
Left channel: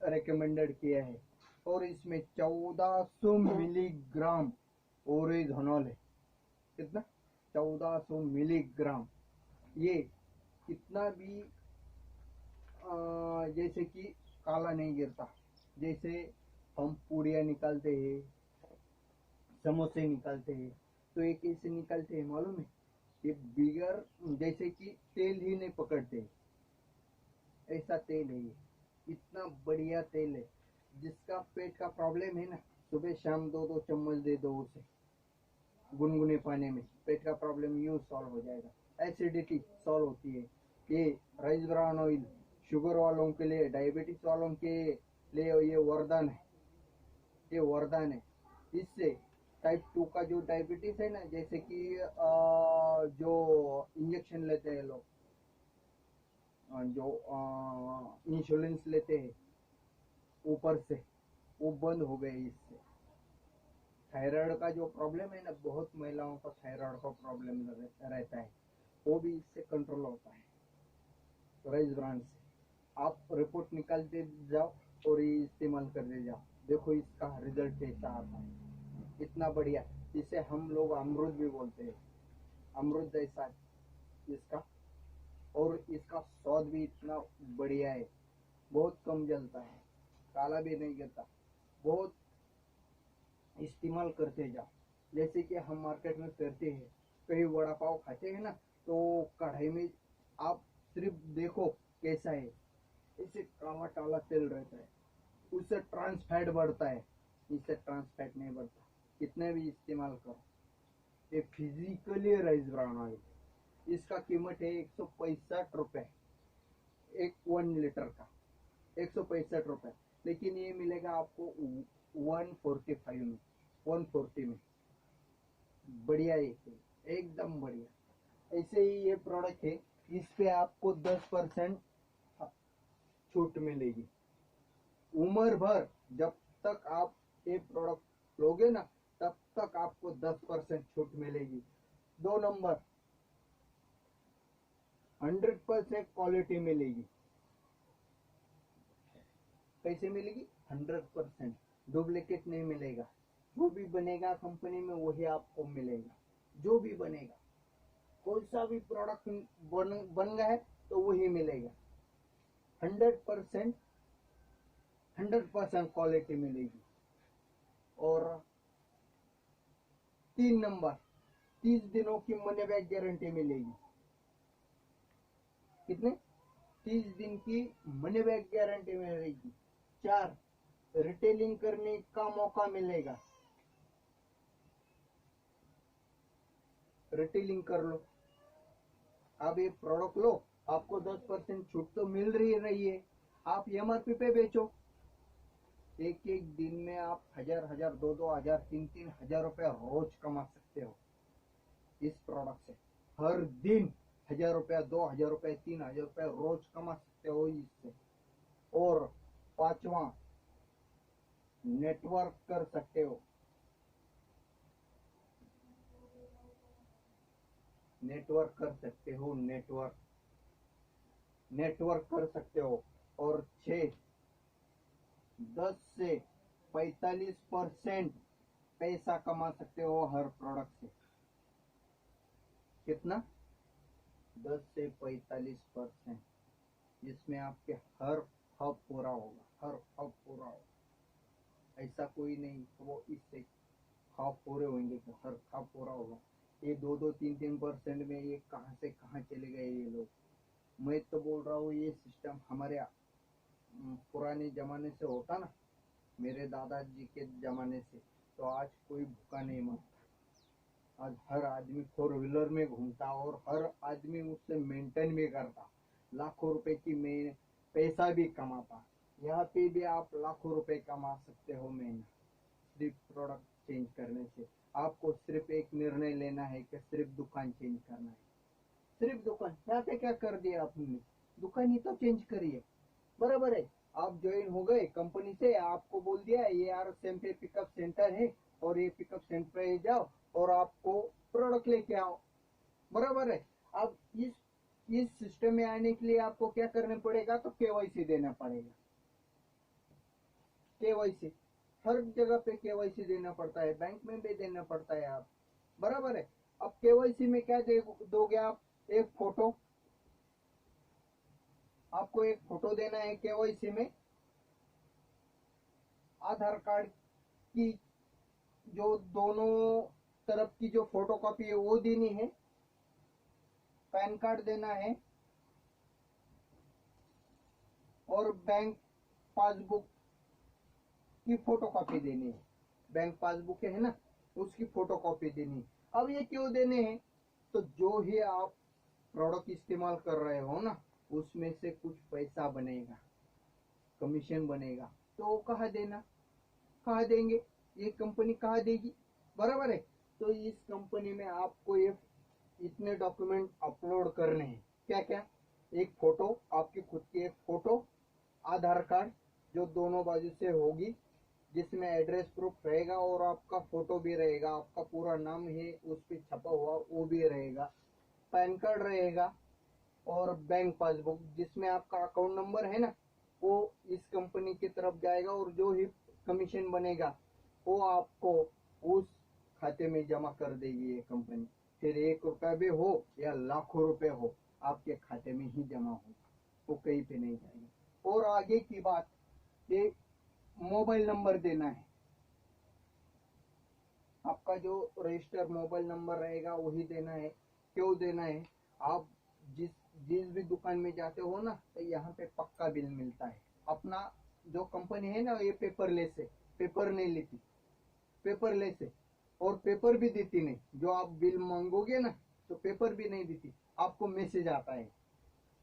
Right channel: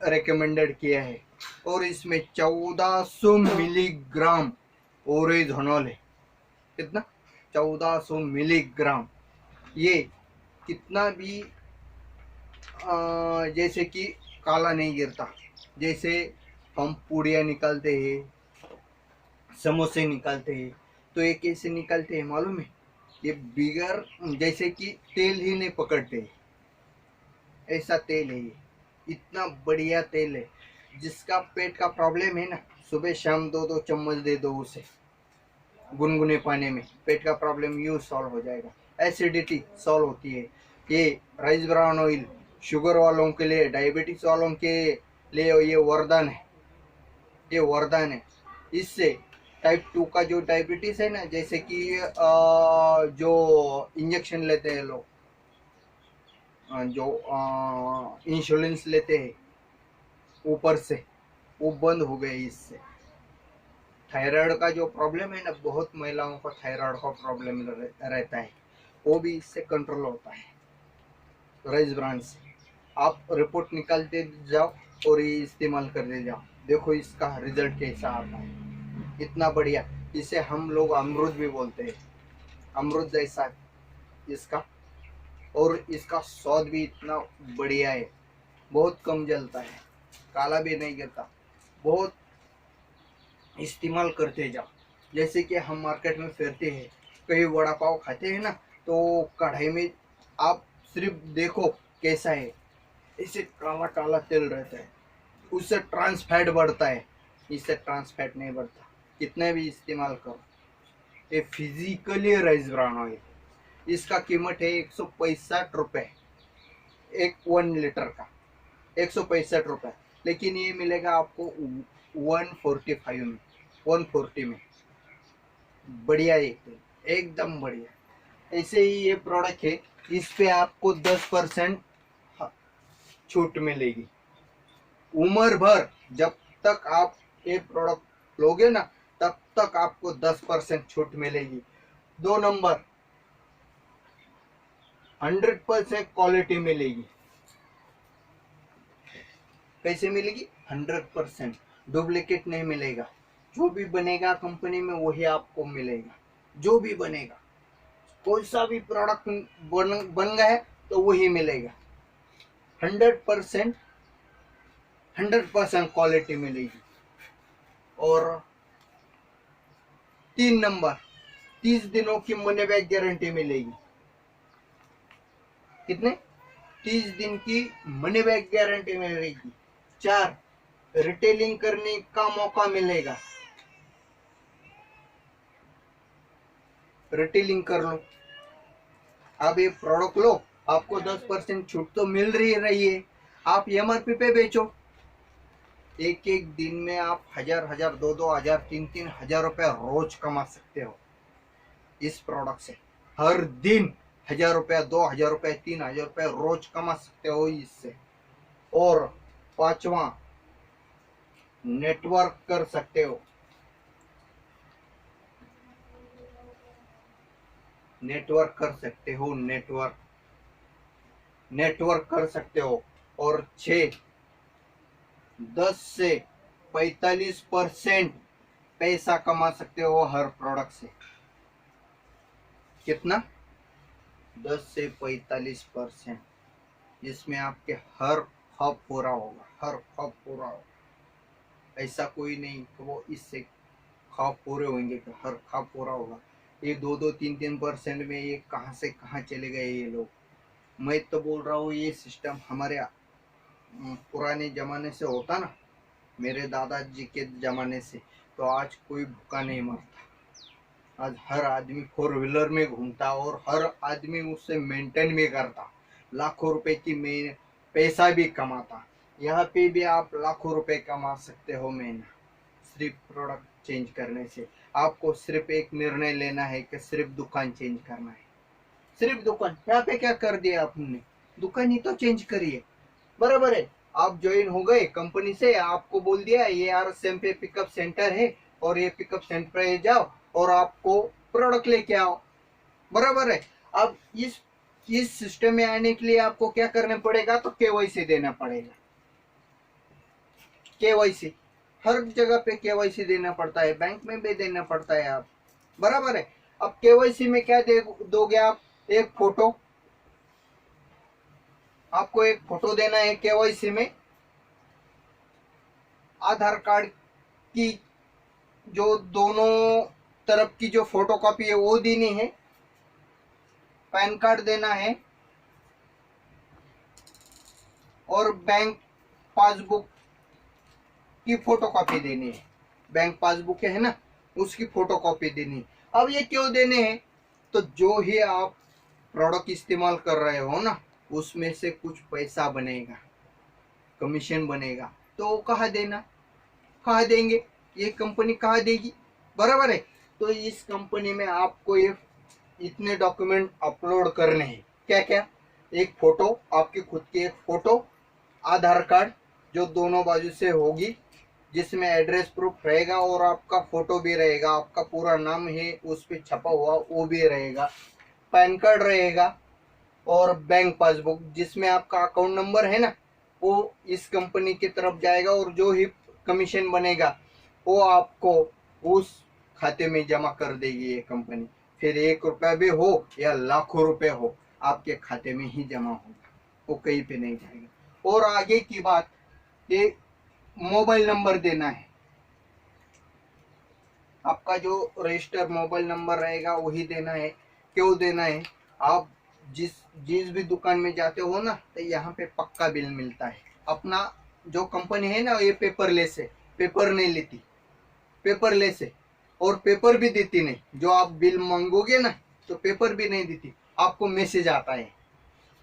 रिकमेंडेड किया है। और इसमें 1400 मिलीग्राम ओरेझोनॉल है। कितना? 1400 मिलीग्राम। ये कितना भी जैसे कि काला नहीं गिरता। जैसे हम पूड़ियाँ निकालते हैं, समोसे निकालते हैं, तो ये कैसे निकालते हैं मालूम है? ये बिगर जैसे कि तेल ही नहीं पकड़ते, ऐसा तेल है ये। इतना बढ़िया तेल है। जिसका पेट का प्रॉब्लम है ना, सुबह शाम 2-2 चम्मच दे दो उसे गुनगुने पानी में, पेट का प्रॉब्लम यूं सॉल्व हो जाएगा। एसिडिटी सॉल्व होती है। ये राइस ब्राउन ऑयल शुगर वालों के लिए, डायबिटीज वालों के लिए ये वरदान है, ये वरदान है। इससे टाइप 2 का जो डायबिटीज है ना, जैसे कि जो इंजेक्शन लेते हैं लोग, जो इंश्योरेंस लेते हैं ऊपर से, वो बंद हो गए इससे। थायराइड का जो प्रॉब्लम है ना, बहुत महिलाओं को थायराइड का प्रॉब्लम रहता है, वो भी इससे कंट्रोल होता है राइस ब्रांड से। आप रिपोर्ट निकालते जाओ और ये इस्तेमाल करते जाओ, देखो इसका रिजल्ट कैसा आता है। इतना बढ़िया। इसे हम लोग अमरूद भी बोलते हैं, अमरूद जैसा इसका। और इसका स्वाद भी इतना बढ़िया है, बहुत कम जलता है, काला भी नहीं गिरता। बहुत इस्तेमाल करते जाओ। जैसे कि हम मार्केट में फिरते हैं, कहीं वड़ा पाव खाते हैं ना, तो कढ़ाई में आप सिर्फ देखो कैसा है, इसे काला काला तेल रहता है, उससे ट्रांस फैट बढ़ता है, इससे ट्रांस फैट नहीं बढ़ता। कितने भी इस्तेमाल करो, ये फिजिकली राइस ब्राउन ऑयल। इसका कीमत है ₹165, एक 1 लीटर का 165। लेकिन ये मिलेगा आपको 145 में, 140 में। बढ़िया, एकदम बढ़िया। ऐसे ही ये प्रोडक्ट है, इस पे आपको 10% छूट मिलेगी उम्र भर। जब तक आप ये प्रोडक्ट लोगे ना, तब तक आपको 10% छूट मिलेगी। 2 नंबर, 100% क्वालिटी मिलेगी। कैसे मिलेगी? 100%। डुप्लीकेट नहीं मिलेगा। जो भी बनेगा कंपनी में वही आपको मिलेगा, जो भी बनेगा। कोई सा भी प्रोडक्ट बन गया है तो वही मिलेगा। 100% 100% क्वालिटी मिलेगी। और 3 नंबर, 30 दिनों की मनी बैक गारंटी मिलेगी। कितने? 30 दिन की मनी बैक गारंटी मिलेगी। 4, रिटेलिंग करने का मौका मिलेगा। रिटेलिंग कर लो, आप ये प्रोडक्ट लो, आपको 10% छूट तो मिल रही है। आप एमआरपी पे बेचो, एक एक दिन में आप 1000 2000 3000 रुपए रोज कमा सकते हो इस प्रोडक्ट से। हर दिन 1000 रुपया 2000 रुपये 3000 रुपये रोज कमा सकते हो इससे। और 5वां, नेटवर्क कर सकते हो। नेटवर्क कर सकते हो, नेटवर्क कर सकते हो। और 6, 10 से 45% पैसा कमा सकते हो हर प्रोडक्ट से। कितना? 10 से 45%। जिसमें आपके हर खौफ पूरा होगा, हर खौफ पूरा होगा। ऐसा कोई नहीं कि वो इससे खौफ पूरे होंगे कि हर खौफ पूरा होगा। ये 2 3% में ये कहाँ से कहाँ चले गए ये लोग। मैं तो बोल रहा हूँ ये सिस्टम हमारे पुराने जमाने से होता ना, मेरे दादाजी के जमाने से, तो आज कोई भूखा नहीं मरता। आज हर आदमी 4 व्हीलर में घूमता और हर आदमी उससे मेंटेन भी करता, लाखों रुपए की में पैसा भी कमाता। यहाँ पे भी आप लाखों रुपए कमा सकते हो महीना, सिर्फ प्रोडक्ट चेंज करने से। आपको सिर्फ एक निर्णय लेना है कि सिर्फ दुकान चेंज करना है। सिर्फ दुकान, यहाँ पे क्या कर दिया आपने? दुकान ही तो चेंज करिए, बराबर है। आप ज्वाइन हो गए कंपनी से, आपको बोल दिया ये RSM पे पिकअप सेंटर है और ये पिकअप सेंटर पे जाओ और आपको प्रोडक्ट लेके आओ, बराबर है। अब इस सिस्टम में आने के लिए आपको क्या करना पड़ेगा? तो KYC देना पड़ेगा। KYC हर जगह पे KYC देना पड़ता है, बैंक में भी देना पड़ता है आप, बराबर है। अब KYC में क्या दोगे आप? एक फोटो, आपको एक फोटो देना है KYC में। आधार कार्ड की जो दोनों तरफ की जो फोटो कॉपी है वो देनी है। पैन कार्ड देना है और बैंक पासबुक की फोटो कॉपी देनी है। बैंक पासबुक है ना, उसकी फोटो कॉपी देनी है। अब ये क्यों देने हैं? तो जो ही आप प्रोडक्ट इस्तेमाल कर रहे हो ना, उसमें से कुछ पैसा बनेगा, कमीशन बनेगा, तो वो कहाँ देना, कहाँ देंगे? ये कंपनी कहाँ देगी, बराबर है। तो इस कंपनी में आपको ये इतने डॉक्यूमेंट अपलोड करने हैं। क्या क्या? एक फोटो, आपकी खुद की एक फोटो, आधार कार्ड जो दोनों बाजू से होगी, जिसमें एड्रेस प्रूफ रहेगा और आपका फोटो भी रहेगा, आपका पूरा नाम है उस पर छपा हुआ वो भी रहेगा, पैन कार्ड रहेगा और बैंक पासबुक जिसमें आपका अकाउंट नंबर है ना, वो इस कंपनी की तरफ जाएगा और जो ही कमीशन बनेगा वो आपको उस खाते में जमा कर देगी ये कंपनी। फिर 1 रुपया भी हो या लाखों रुपए हो, आपके खाते में ही जमा होगा, वो कहीं पे नहीं जाएगा। और आगे की बात, ये मोबाइल नंबर देना है। आपका जो रजिस्टर मोबाइल नंबर रहेगा वही देना है। क्यों देना है? आप जिस जिस भी दुकान में जाते हो ना, तो यहाँ पे पक्का बिल मिलता है। अपना जो कंपनी है ना, ये पेपरलेस है, पेपर नहीं लेती, पेपरलेस है। और पेपर भी देती नहीं, जो आप बिल मांगोगे ना तो पेपर भी नहीं देती, आपको मैसेज आता है।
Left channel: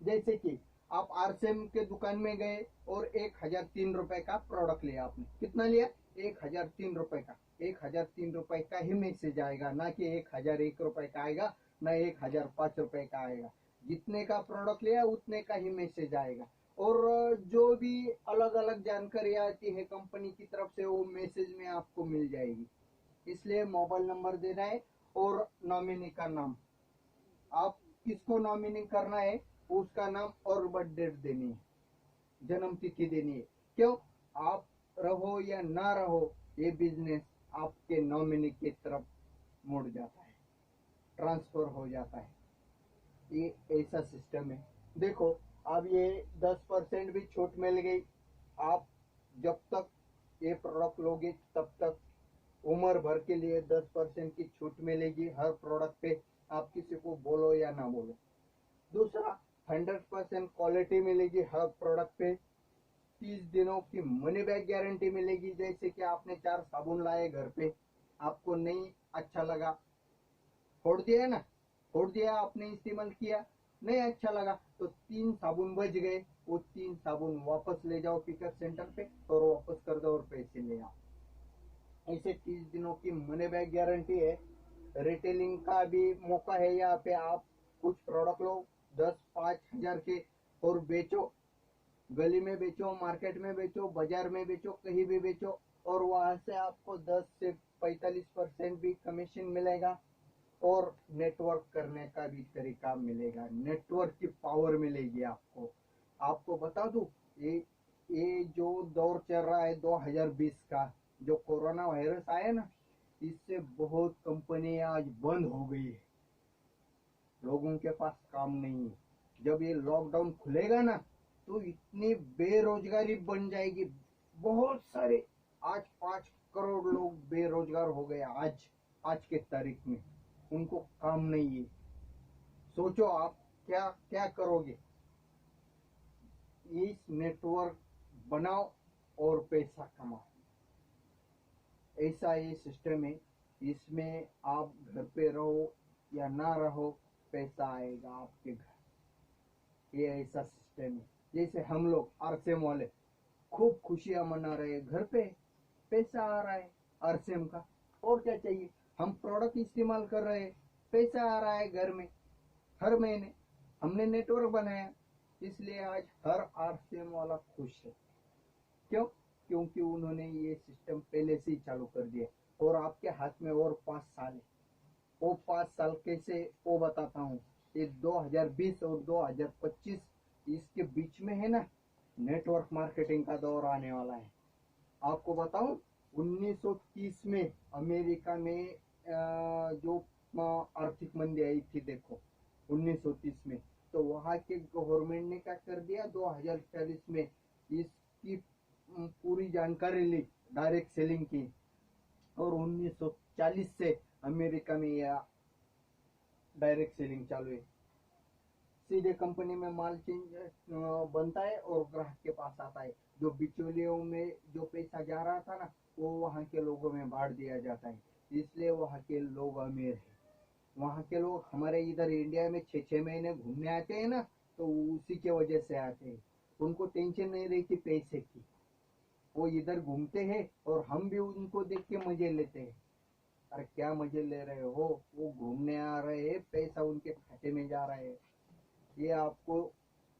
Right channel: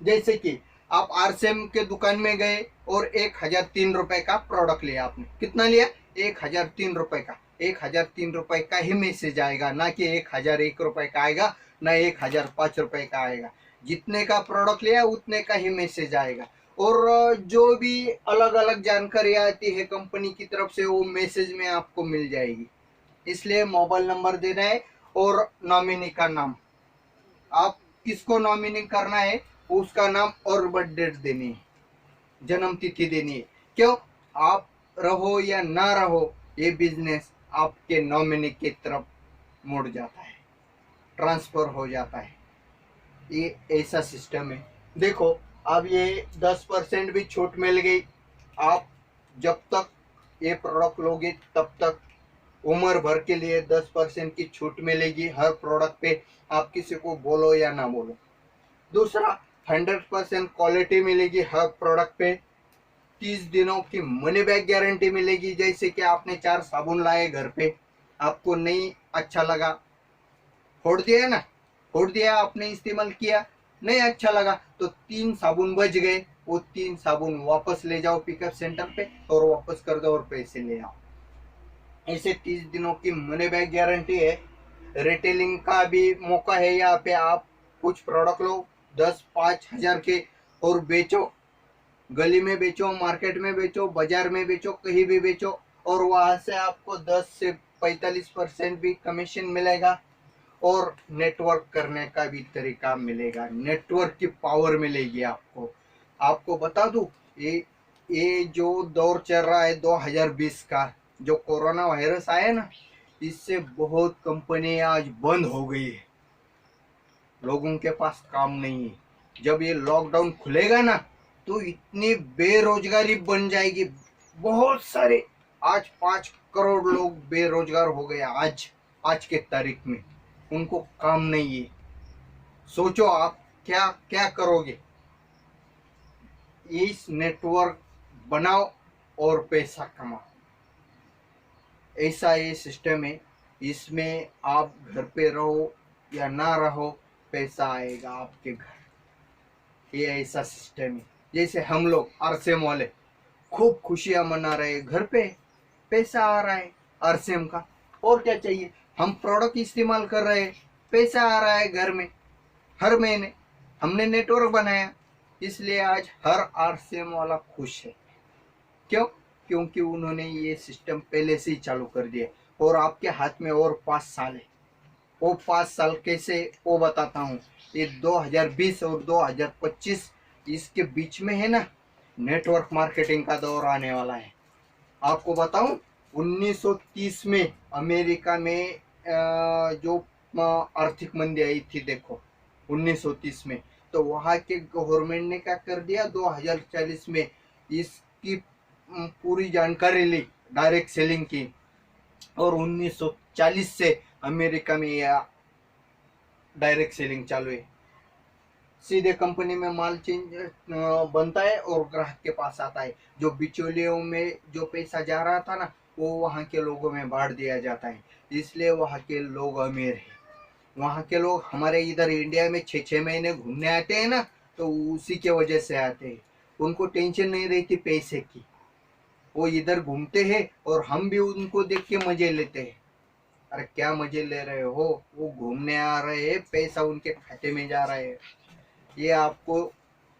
जैसे कि आप RCM के दुकान में गए और 1003 रुपए का प्रोडक्ट लिया आपने। कितना लिया? 1003 रुपए का। 1003 रुपए का ही मैसेज आएगा, ना कि 1001 रुपए का आएगा, ना 1005 रुपए का आएगा। जितने का प्रोडक्ट लिया उतने का ही मैसेज आएगा। और जो भी अलग अलग जानकारी आती है कंपनी की तरफ से, वो मैसेज में आपको मिल जाएगी। इसलिए मोबाइल नंबर देना है और नॉमिनी का नाम, आप किसको नॉमिनी करना है उसका नाम और बर्थ डेट देनी है, जन्म तिथि देनी है। क्यों? आप रहो या ना रहो, ये बिजनेस आपके नॉमिनी की तरफ मुड़ जाता है, ट्रांसफर हो जाता है। ये ऐसा सिस्टम है। देखो, अब ये 10% भी छूट मिल गई। आप जब तक ये प्रोडक्ट लोगे तब तक उम्र भर के लिए 10% की छूट मिलेगी हर प्रोडक्ट पे, आप किसी को बोलो या ना बोलो। दूसरा, 100% क्वालिटी मिलेगी हर प्रोडक्ट पे। 30 दिनों की मनी बैक गारंटी मिलेगी। जैसे कि आपने 4 साबुन लाए घर पे, आपको नहीं अच्छा लगा, फोड़ दिया ना, फोड़ दिया, आपने इस्तेमाल किया, नहीं अच्छा लगा, तो 3 साबुन बच गए, वो 3 साबुन वापस ले जाओ पिकअप सेंटर पे और वापस कर दो और पैसे ले आओ। ऐसे 30 दिनों की मनी बैक गारंटी है। रिटेलिंग का भी मौका है यहाँ पे। आप कुछ प्रोडक्ट लो 10-5 हजार के और बेचो, गली में बेचो, मार्केट में बेचो, बाजार में बेचो, कहीं भी बेचो, और वहां से आपको 10 से 45% भी कमीशन मिलेगा और नेटवर्क करने का भी तरीका मिलेगा, नेटवर्क की पावर मिलेगी आपको। आपको बता दूं, ये जो दौर चल रहा है 2020 का, जो कोरोना वायरस आया ना, इससे बहुत कंपनी आज बंद हो गई है, लोगों के पास काम नहीं है। जब ये लॉकडाउन खुलेगा ना, तो इतनी बेरोजगारी बन जाएगी, बहुत सारे, आज 5 करोड़ लोग बेरोजगार हो गए आज के तारीख में, उनको काम नहीं है। सोचो आप क्या क्या करोगे। इस नेटवर्क बनाओ और पैसा कमाओ, ऐसा ये सिस्टम है। इसमें आप घर पे रहो या ना रहो, पैसा आएगा आपके घर। ये ऐसा सिस्टम है। जैसे हम लोग आरसेम वाले खूब खुशियां मना रहे हैं, घर पे पैसा आ रहा है आरसेम का, और क्या चाहिए। हम प्रोडक्ट इस्तेमाल कर रहे हैं, पैसा आ रहा है घर में हर महीने। हमने नेटवर्क बनाया, इसलिए आज हर आरसेम वाला खुश है। क्यों? क्योंकि उन्होंने ये सिस्टम पहले से ही चालू कर दिया। और आपके हाथ में और 5 साल है। वो 5 साल कैसे, वो बताता हूँ। ये 2020 और 2025 इसके बीच में है ना, नेटवर्क मार्केटिंग का दौर आने वाला है। आपको बताऊं, 1930 में अमेरिका में जो आर्थिक मंदी आई थी, देखो 1930 में, तो वहाँ के गवर्नमेंट ने क्या कर दिया, 2040 में इसकी पूरी जानकारी ली, डायरेक्ट सेलिंग की, और 1940 से अमेरिका में यह डायरेक्ट सेलिंग चालू है। सीधे कंपनी में माल चेंज बनता है और ग्राहक के पास आता है। जो बिचौलियों में जो पैसा जा रहा था ना, वो वहाँ के लोगों में बांट दिया जाता है, इसलिए वहाँ के लोग अमीर हैं। वहाँ के लोग हमारे इधर इंडिया में 6-6 महीने घूमने आते हैं ना, तो उसी के वजह से आते हैं। उनको टेंशन नहीं रहती पैसे की, वो इधर घूमते हैं और हम भी उनको देख के मजे लेते हैं। अरे क्या मजे ले रहे हो, वो घूमने आ रहे हैं, पैसा उनके खाते में जा रहा है। ये आपको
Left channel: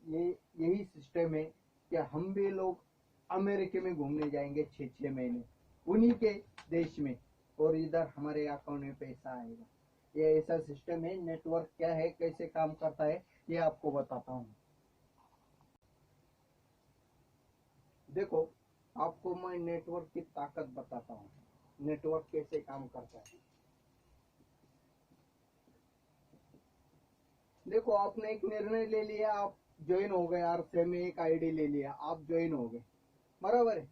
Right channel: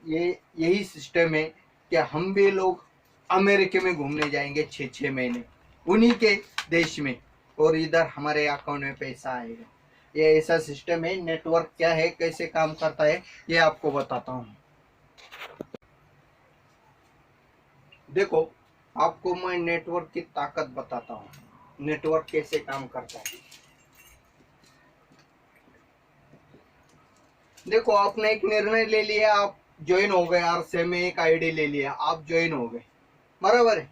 ये यही सिस्टम है कि हम भी लोग अमेरिका में घूमने जाएंगे 6-6 महीने उन्हीं के देश में, और इधर हमारे अकाउंट में पैसा आएगा। ये ऐसा सिस्टम है। नेटवर्क क्या है, कैसे काम करता है, ये आपको बताता हूँ। देखो, आपको मैं नेटवर्क की ताकत बताता हूँ, नेटवर्क कैसे काम करता है। देखो, आपने एक निर्णय ले लिया, आप ज्वाइन हो गए, आरसे में एक आईडी ले लिया, आप ज्वाइन हो गए, बराबर है।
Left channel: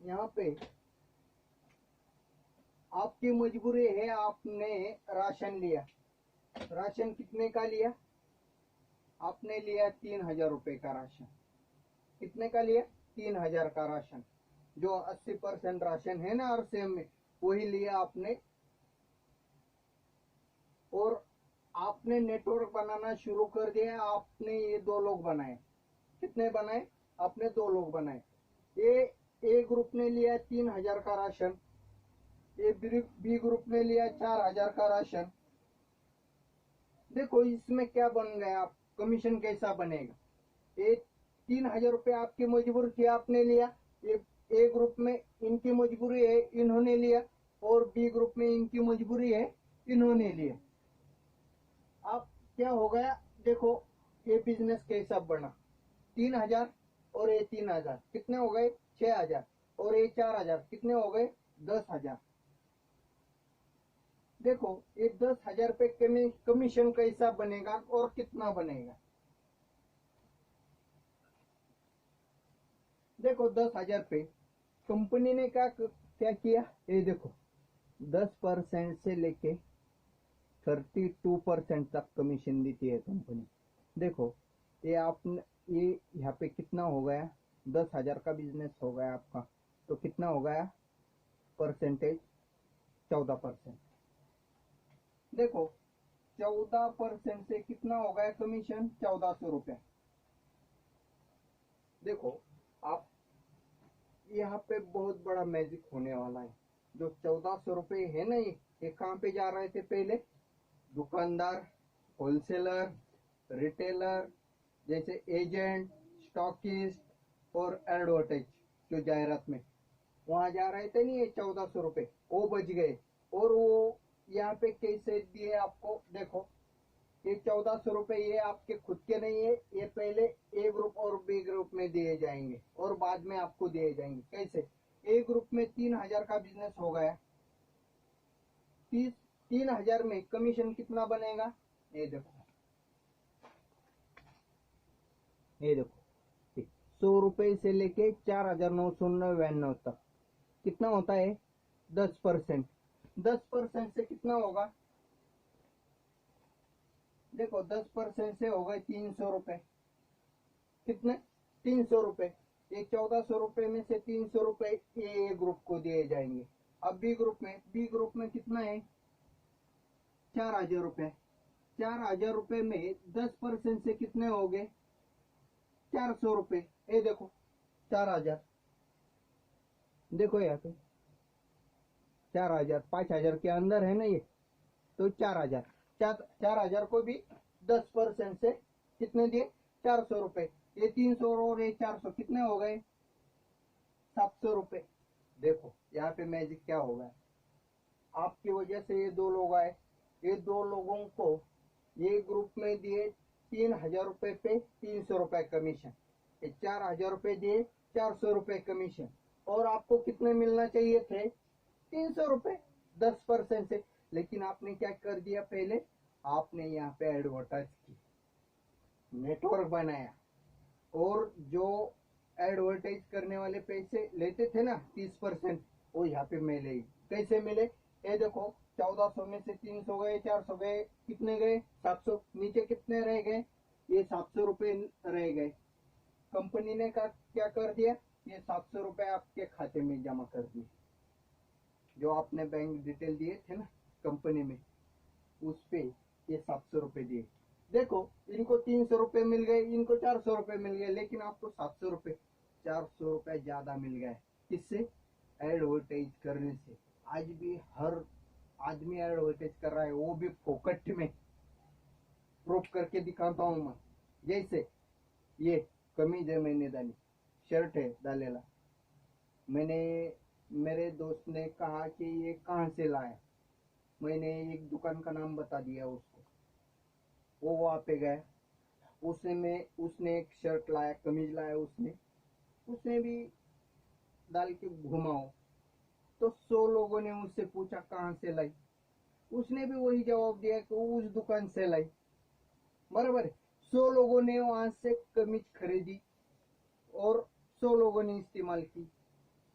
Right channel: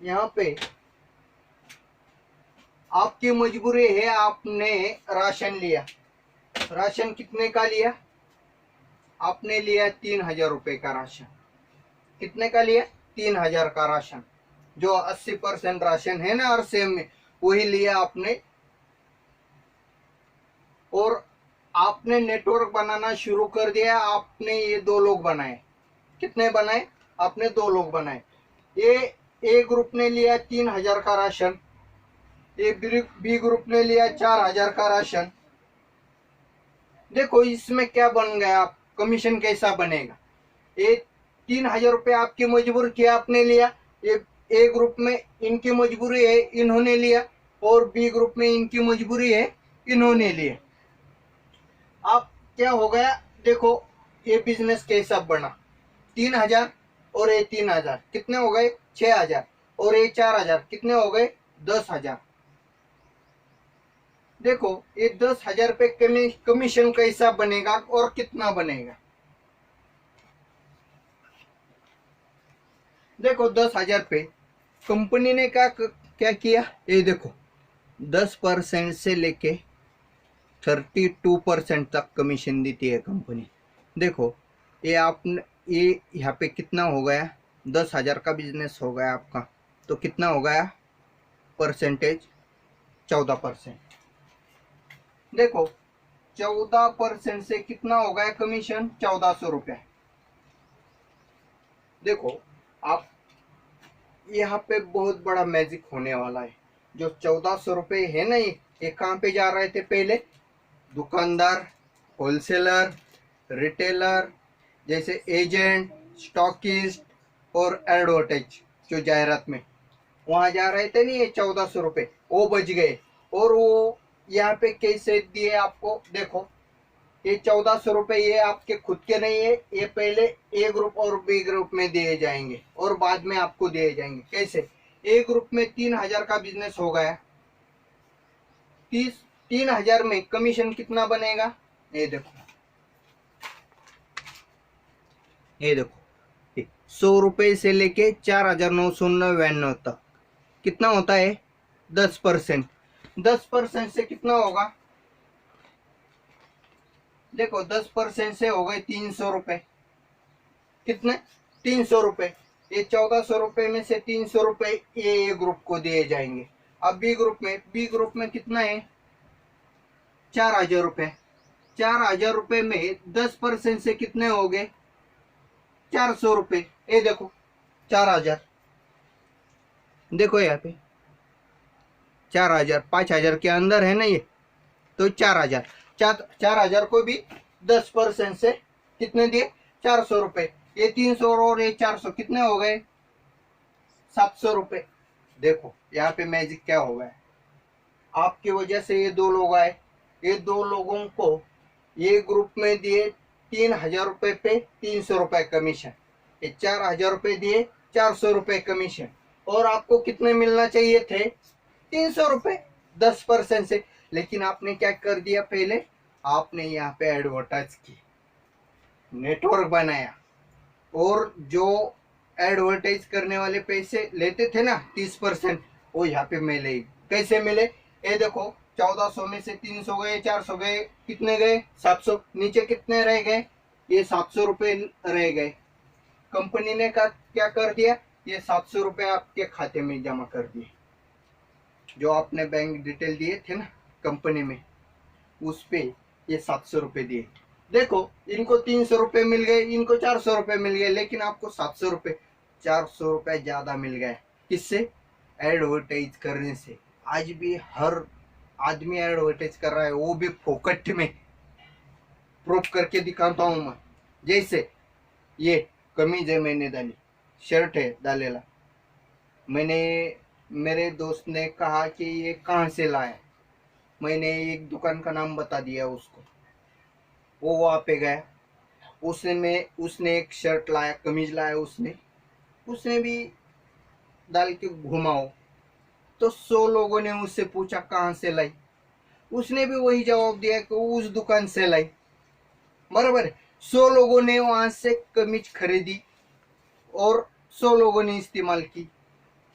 यहाँ पे आपकी मजबूरी है, आपने राशन लिया। राशन कितने का लिया? आपने लिया 3,000 रुपए का राशन। कितने का लिया? 3,000 का राशन। जो 80% राशन है ना आरसीएम में, वही लिया आपने। और आपने नेटवर्क बनाना शुरू कर दिया। आपने ये 2 लोग बनाए। कितने बनाए? आपने 2 लोग बनाए। ये ए ग्रुप ने लिया 3,000 का राशन, ये बी ग्रुप ने लिया 4,000 का राशन। देखो इसमें क्या बन गया, कमीशन कैसा बनेगा। ये 3,000 रुपये आपकी मजबूर किया, आपने लिया। ये ए ग्रुप में इनकी मजबूरी है, इन्होंने लिया, और बी ग्रुप में इनकी मजबूरी है, इन्होंने लिया। आप क्या हो गया, देखो ये बिजनेस कैसा बना। 3,000 और ये 3,000 कितने हो गए? 6,000। और ये 4,000 कितने हो गए? 10,000। देखो ये 10,000 पे कमीशन कैसा बनेगा और कितना बनेगा। देखो 10,000 पे कंपनी ने क्या किया, ये देखो 10% से लेके 32% तक कमीशन देती है कंपनी। देखो ये आपने ये यहाँ पे कितना हो गया, 10,000 का बिजनेस हो गया आपका, तो कितना हो गया परसेंटेज, 14%। देखो 14% से कितना हो गया कमीशन, 1400 रुपये। देखो आप यहाँ पे बहुत बड़ा मैजिक होने वाला है। जो 1400 रुपये है ना, ये कहाँ पे जा रहे थे पहले, दुकानदार, होलसेलर, रिटेलर, जैसे एजेंट, स्टॉकिस्ट और एडवर्टाइज, जो जाहिरात में वहां जा रहे थे नहीं, ये 1400 रुपये वो बच गए। और वो यहाँ पे कैसे दिए आपको, देखो ये 1400 रुपये ये आपके खुद के नहीं है, ये पहले ए ग्रुप और बी ग्रुप में दिए जाएंगे और बाद में आपको दिए जाएंगे। कैसे, ए ग्रुप में 3,000 का बिजनेस हो गया, 3,000 में कमीशन कितना बनेगा, ये देखो, ये देखो 100 रुपये से लेके 4,999 तक कितना होता है, 10%। 10% से कितना होगा, देखो 10% से हो गए 300 रुपये, कितने, 300 रुपये। ये 1400 रुपये में से 300 रुपये ए ग्रुप को दिए जाएंगे। अब बी ग्रुप में कितना है, 4,000 रुपये। 4,000 रुपये में 10% से कितने हो गए, 400 रुपये। ये देखो 4,000, देखो यहाँ पे 4,000, 5,000 के अंदर है ना ये, तो 4,000, 4,000 को भी 10% से कितने दिए, 400 रुपये। ये 300 और ये 400 कितने हो गए, 700 रुपये। देखो यहाँ पे मैजिक क्या हो गया, आपकी वजह से ये दो लोग आए, ये दो लोगों को ये ग्रुप में दिए 3,000 रुपये पे 300 रुपये कमीशन, ये 4,000 रुपये दिए 400 रुपये कमीशन, और आपको कितने मिलना चाहिए थे, 300 रुपये 10% से। लेकिन आपने क्या कर दिया, पहले आपने यहाँ पे एडवर्टाइज की, नेटवर्क बनाया, और जो एडवर्टाइज करने वाले पैसे लेते थे ना 30%, वो यहाँ पे मिले। कैसे मिले, ये देखो 1400 में से 300 गए, 400 गए, कितने गए, 700, नीचे कितने रह गए, ये 700 रुपये रह गए। कंपनी ने क्या कर दिया, ये 700 रुपये आपके खाते में जमा कर दिए। जो आपने बैंक डिटेल दिए थे ना कंपनी में, उस पे ये 700 रुपये दिए। देखो इनको 300 रुपये मिल गए, इनको 400 रुपये मिल गए, लेकिन आपको 700 रुपये, 400 रुपये ज्यादा मिल गए। किससे, एडवर्टाइज करने से। आज भी हर आदमी एडवर्टाइज कर रहा है, वो भी फोकट में। प्रूफ करके दिखाता हूँ मैं। जैसे ये कमीज है, मैंने डाली, शर्ट है डालेला, मैंने, मेरे दोस्त ने कहा कि ये कहाँ से लाया, मैंने एक दुकान का नाम बता दिया उसको, वो वहाँ पे गया, उसने एक शर्ट लाया, कमीज लाया, उसने भी डाल के घुमाओ, तो 100 लोगों ने उससे पूछा कहाँ से लाई, उसने भी वही जवाब दिया कि उस दुकान से लाई, बराबर है। 100 लोगों ने वहां से कमीज खरीदी और 100 लोगों ने इस्तेमाल की।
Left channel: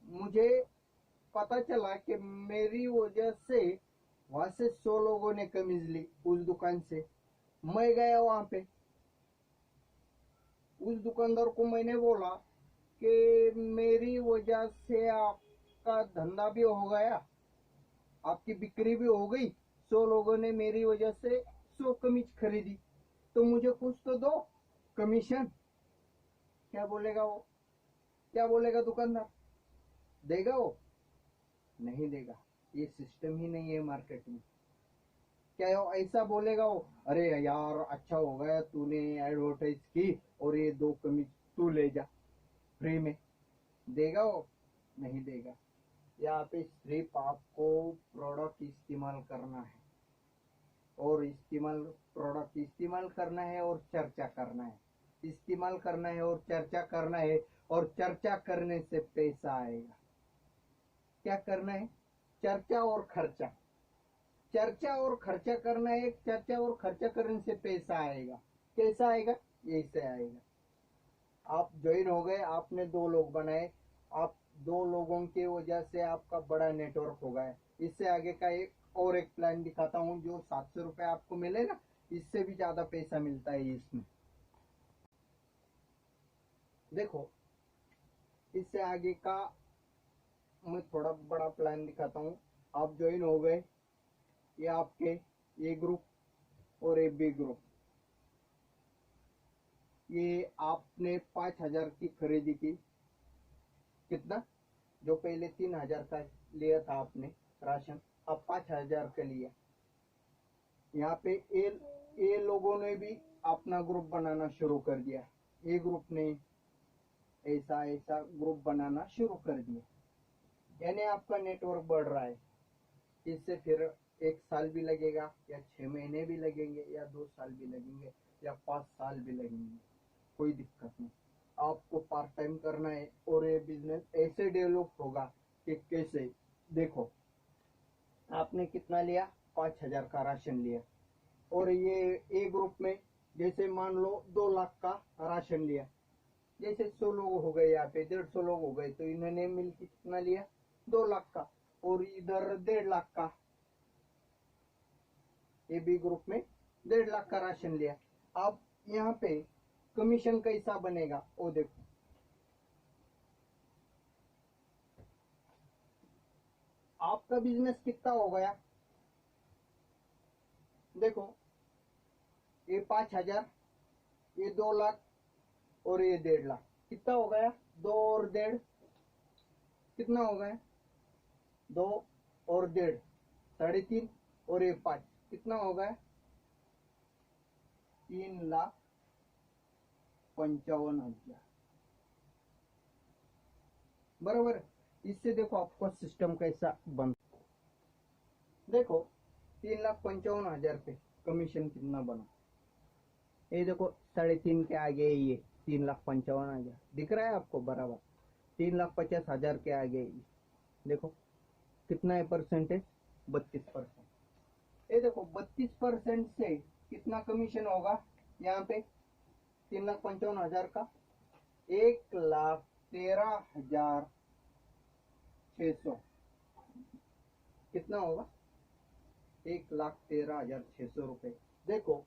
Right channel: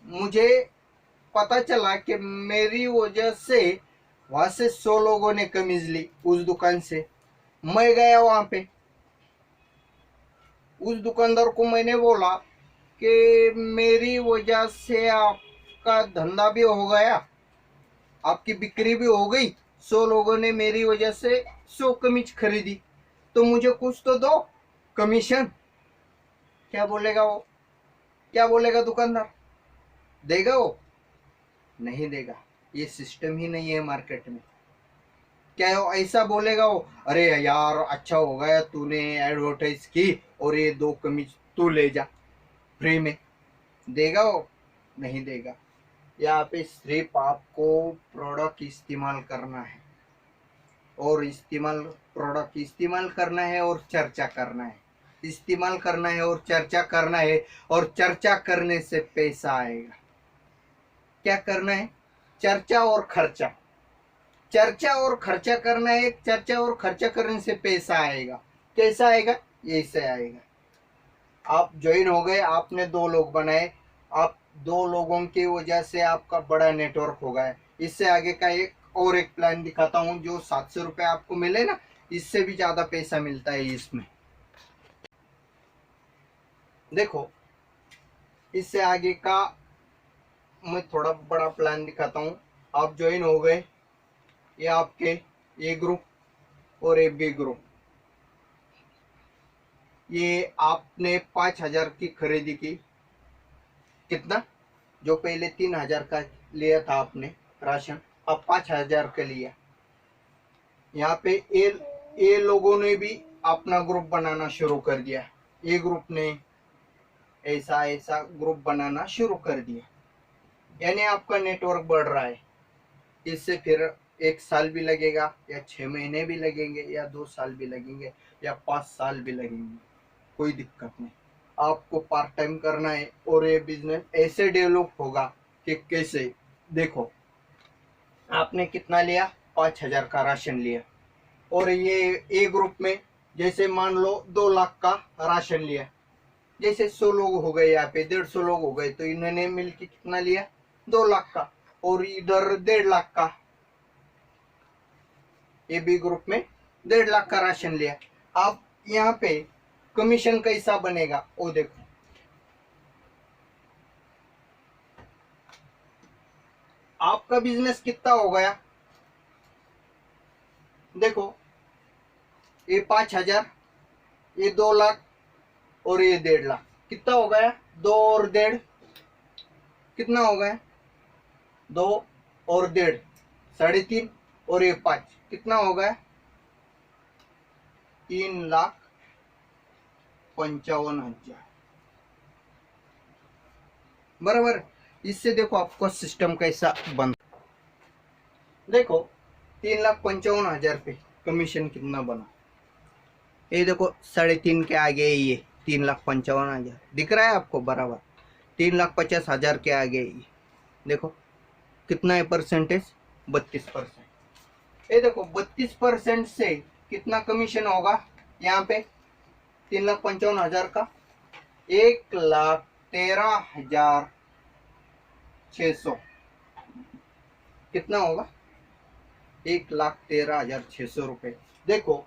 मुझे पता चला कि मेरी वजह से वहां से 100 लोगों ने कमीज ली उस दुकान से। मैं गया वहां पे, उस दुकानदार को मैंने बोला कि मेरी वजह से आपका धंधा भी हो गया, आपकी बिक्री भी हो गई, 100 लोगों ने मेरी वजह से 100 कमीज खरीदी, तो मुझे कुछ तो दो कमीशन। क्या बोलेगा वो, क्या बोलेगा दुकानदार, देगा वो, नहीं देगा। ये सिस्टम ही नहीं है मार्केट में। क्या वो ऐसा बोलेगा वो, अरे यार अच्छा हो गया तूने एडवर्टाइज की और ये 2 कमीज तू ले जा फ्री में, देगा वो, नहीं देगा। यहाँ पे सिर्फ आपको प्रोडक्ट इस्तेमाल करना है, और प्रोडक्ट इस्तेमाल करना है और चर्चा करना है, इस्तेमाल करना है और चर्चा करना है, और चर्चा करने से पैसा आएगा। क्या करना है, चर्चा और खर्चा, चर्चा और खर्चा करना है, चर्चा और खर्चा करने से पैसा आएगा। कैसा आएगा, ऐसे आएगा। आप ज्वाइन हो गए, आपने 2 लोग बनाए, आप 2 लोगों की वजह से आपका बड़ा नेटवर्क हो गया। इससे आगे का एक प्लान दिखाता हूँ, जो 700 रुपये आपको मिले ना, इससे भी ज्यादा पैसा मिलता है इसमें। देखो, इससे आगे का मैं थोड़ा बड़ा प्लान दिखाता हूँ। आप ज्वाइन हो गए, ये आपके ए ग्रुप और ए बी ग्रुप। ये आपने 5,000 की खरीदी की, कितना, जो पहले 3,000 का लिया था आपने राशन, अब 5,000 का लिया। यहाँ पे ए लोगों ने भी अपना ग्रुप बनाना शुरू कर दिया। ए ग्रुप ने ऐसा ऐसा ग्रुप बनाना शुरू कर दिया, यानी आपका नेटवर्क बढ़ रहा है। इससे फिर 1 साल भी लगेगा, या 6 महीने भी लगेंगे, या 2 साल भी लगेंगे, या 5 साल भी लगेंगे, कोई दिक्कत नहीं। आपको पार्ट टाइम करना है और ये बिजनेस ऐसे डेवलप होगा कि कैसे, देखो आपने कितना लिया, 5,000 का राशन लिया, और ये ए ग्रुप में जैसे मान लो 2 लाख का राशन लिया, जैसे 100 लोग हो गए, यहाँ पे 150 लोग हो गए, तो इन्होंने मिलकर कितना लिया, 2 लाख का, और इधर 1.5 लाख का, ए बी ग्रुप में 1.5 लाख का राशन लिया। अब यहाँ पे कमीशन कैसा बनेगा वो देखो। आपका बिजनेस कितना हो गया, देखो, ये 5,000, ये 2 लाख, और ये 1.5 लाख, कितना हो गया, 2 और 1.5, कितना हो गया, 2 और 1.5, 3.5, और ये 5, कितना हो गया, 3,55,000, बराबर। इससे देखो आपको सिस्टम कैसा बन, देखो 3,55,000 पे कमीशन कितना बना, ये देखो 3.5 के आगे ये 3,55,000 दिख रहा है आपको, बराबर। 3,50,000 के आगे ये देखो कितना है परसेंटेज, 32%। ये देखो 32% से कितना कमीशन होगा यहाँ पे, 3,55,000 का 1,13,600, कितना होगा, 1,13,600 रुपये। देखो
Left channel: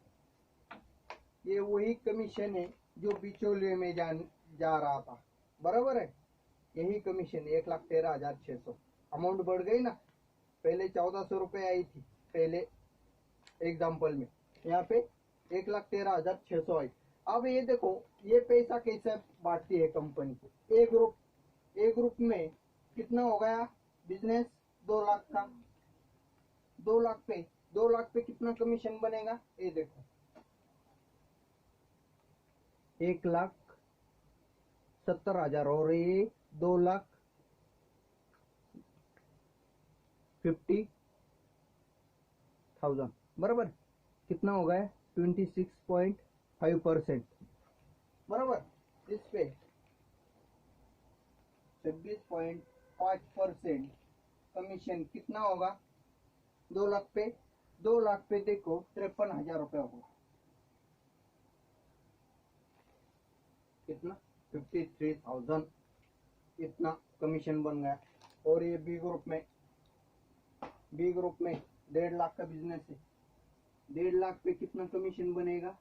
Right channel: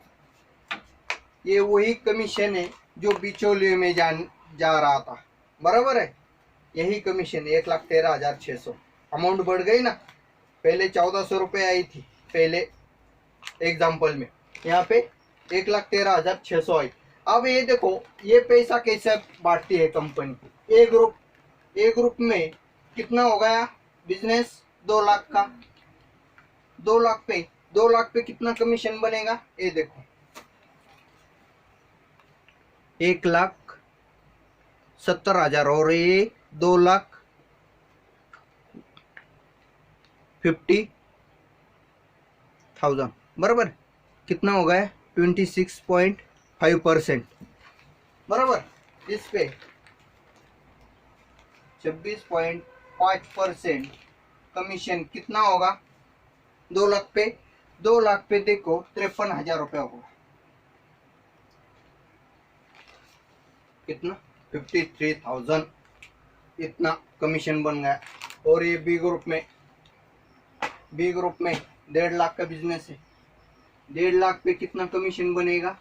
ये वही कमीशन है जो बिचौलिए में जा रहा था, बराबर है। यही कमीशन 1,13,600, अमाउंट बढ़ गई ना, पहले 1,400 रुपये आई थी पहले एग्जाम्पल में, यहाँ पे 1,13,600 आई। अब ये देखो ये पैसा कैसे बांटती है कंपनी, ए ग्रुप में कितना हो गया बिजनेस, 2 लाख का, 2 लाख पे कितना कमीशन बनेगा, ये देखो 1,70,000, और ये 2,50,000, बराबर, कितना हो गया, 26.5%, बराबर। इस पे 26.5% कमीशन कितना होगा, 2 लाख पे, 2 लाख पे देखो 53,000 रुपया होगा, कितना, 53,000, इतना कमीशन बन गया। और ये बी ग्रुप में 1.5 लाख का बिजनेस है, 1.5 लाख पे कितना कमीशन बनेगा,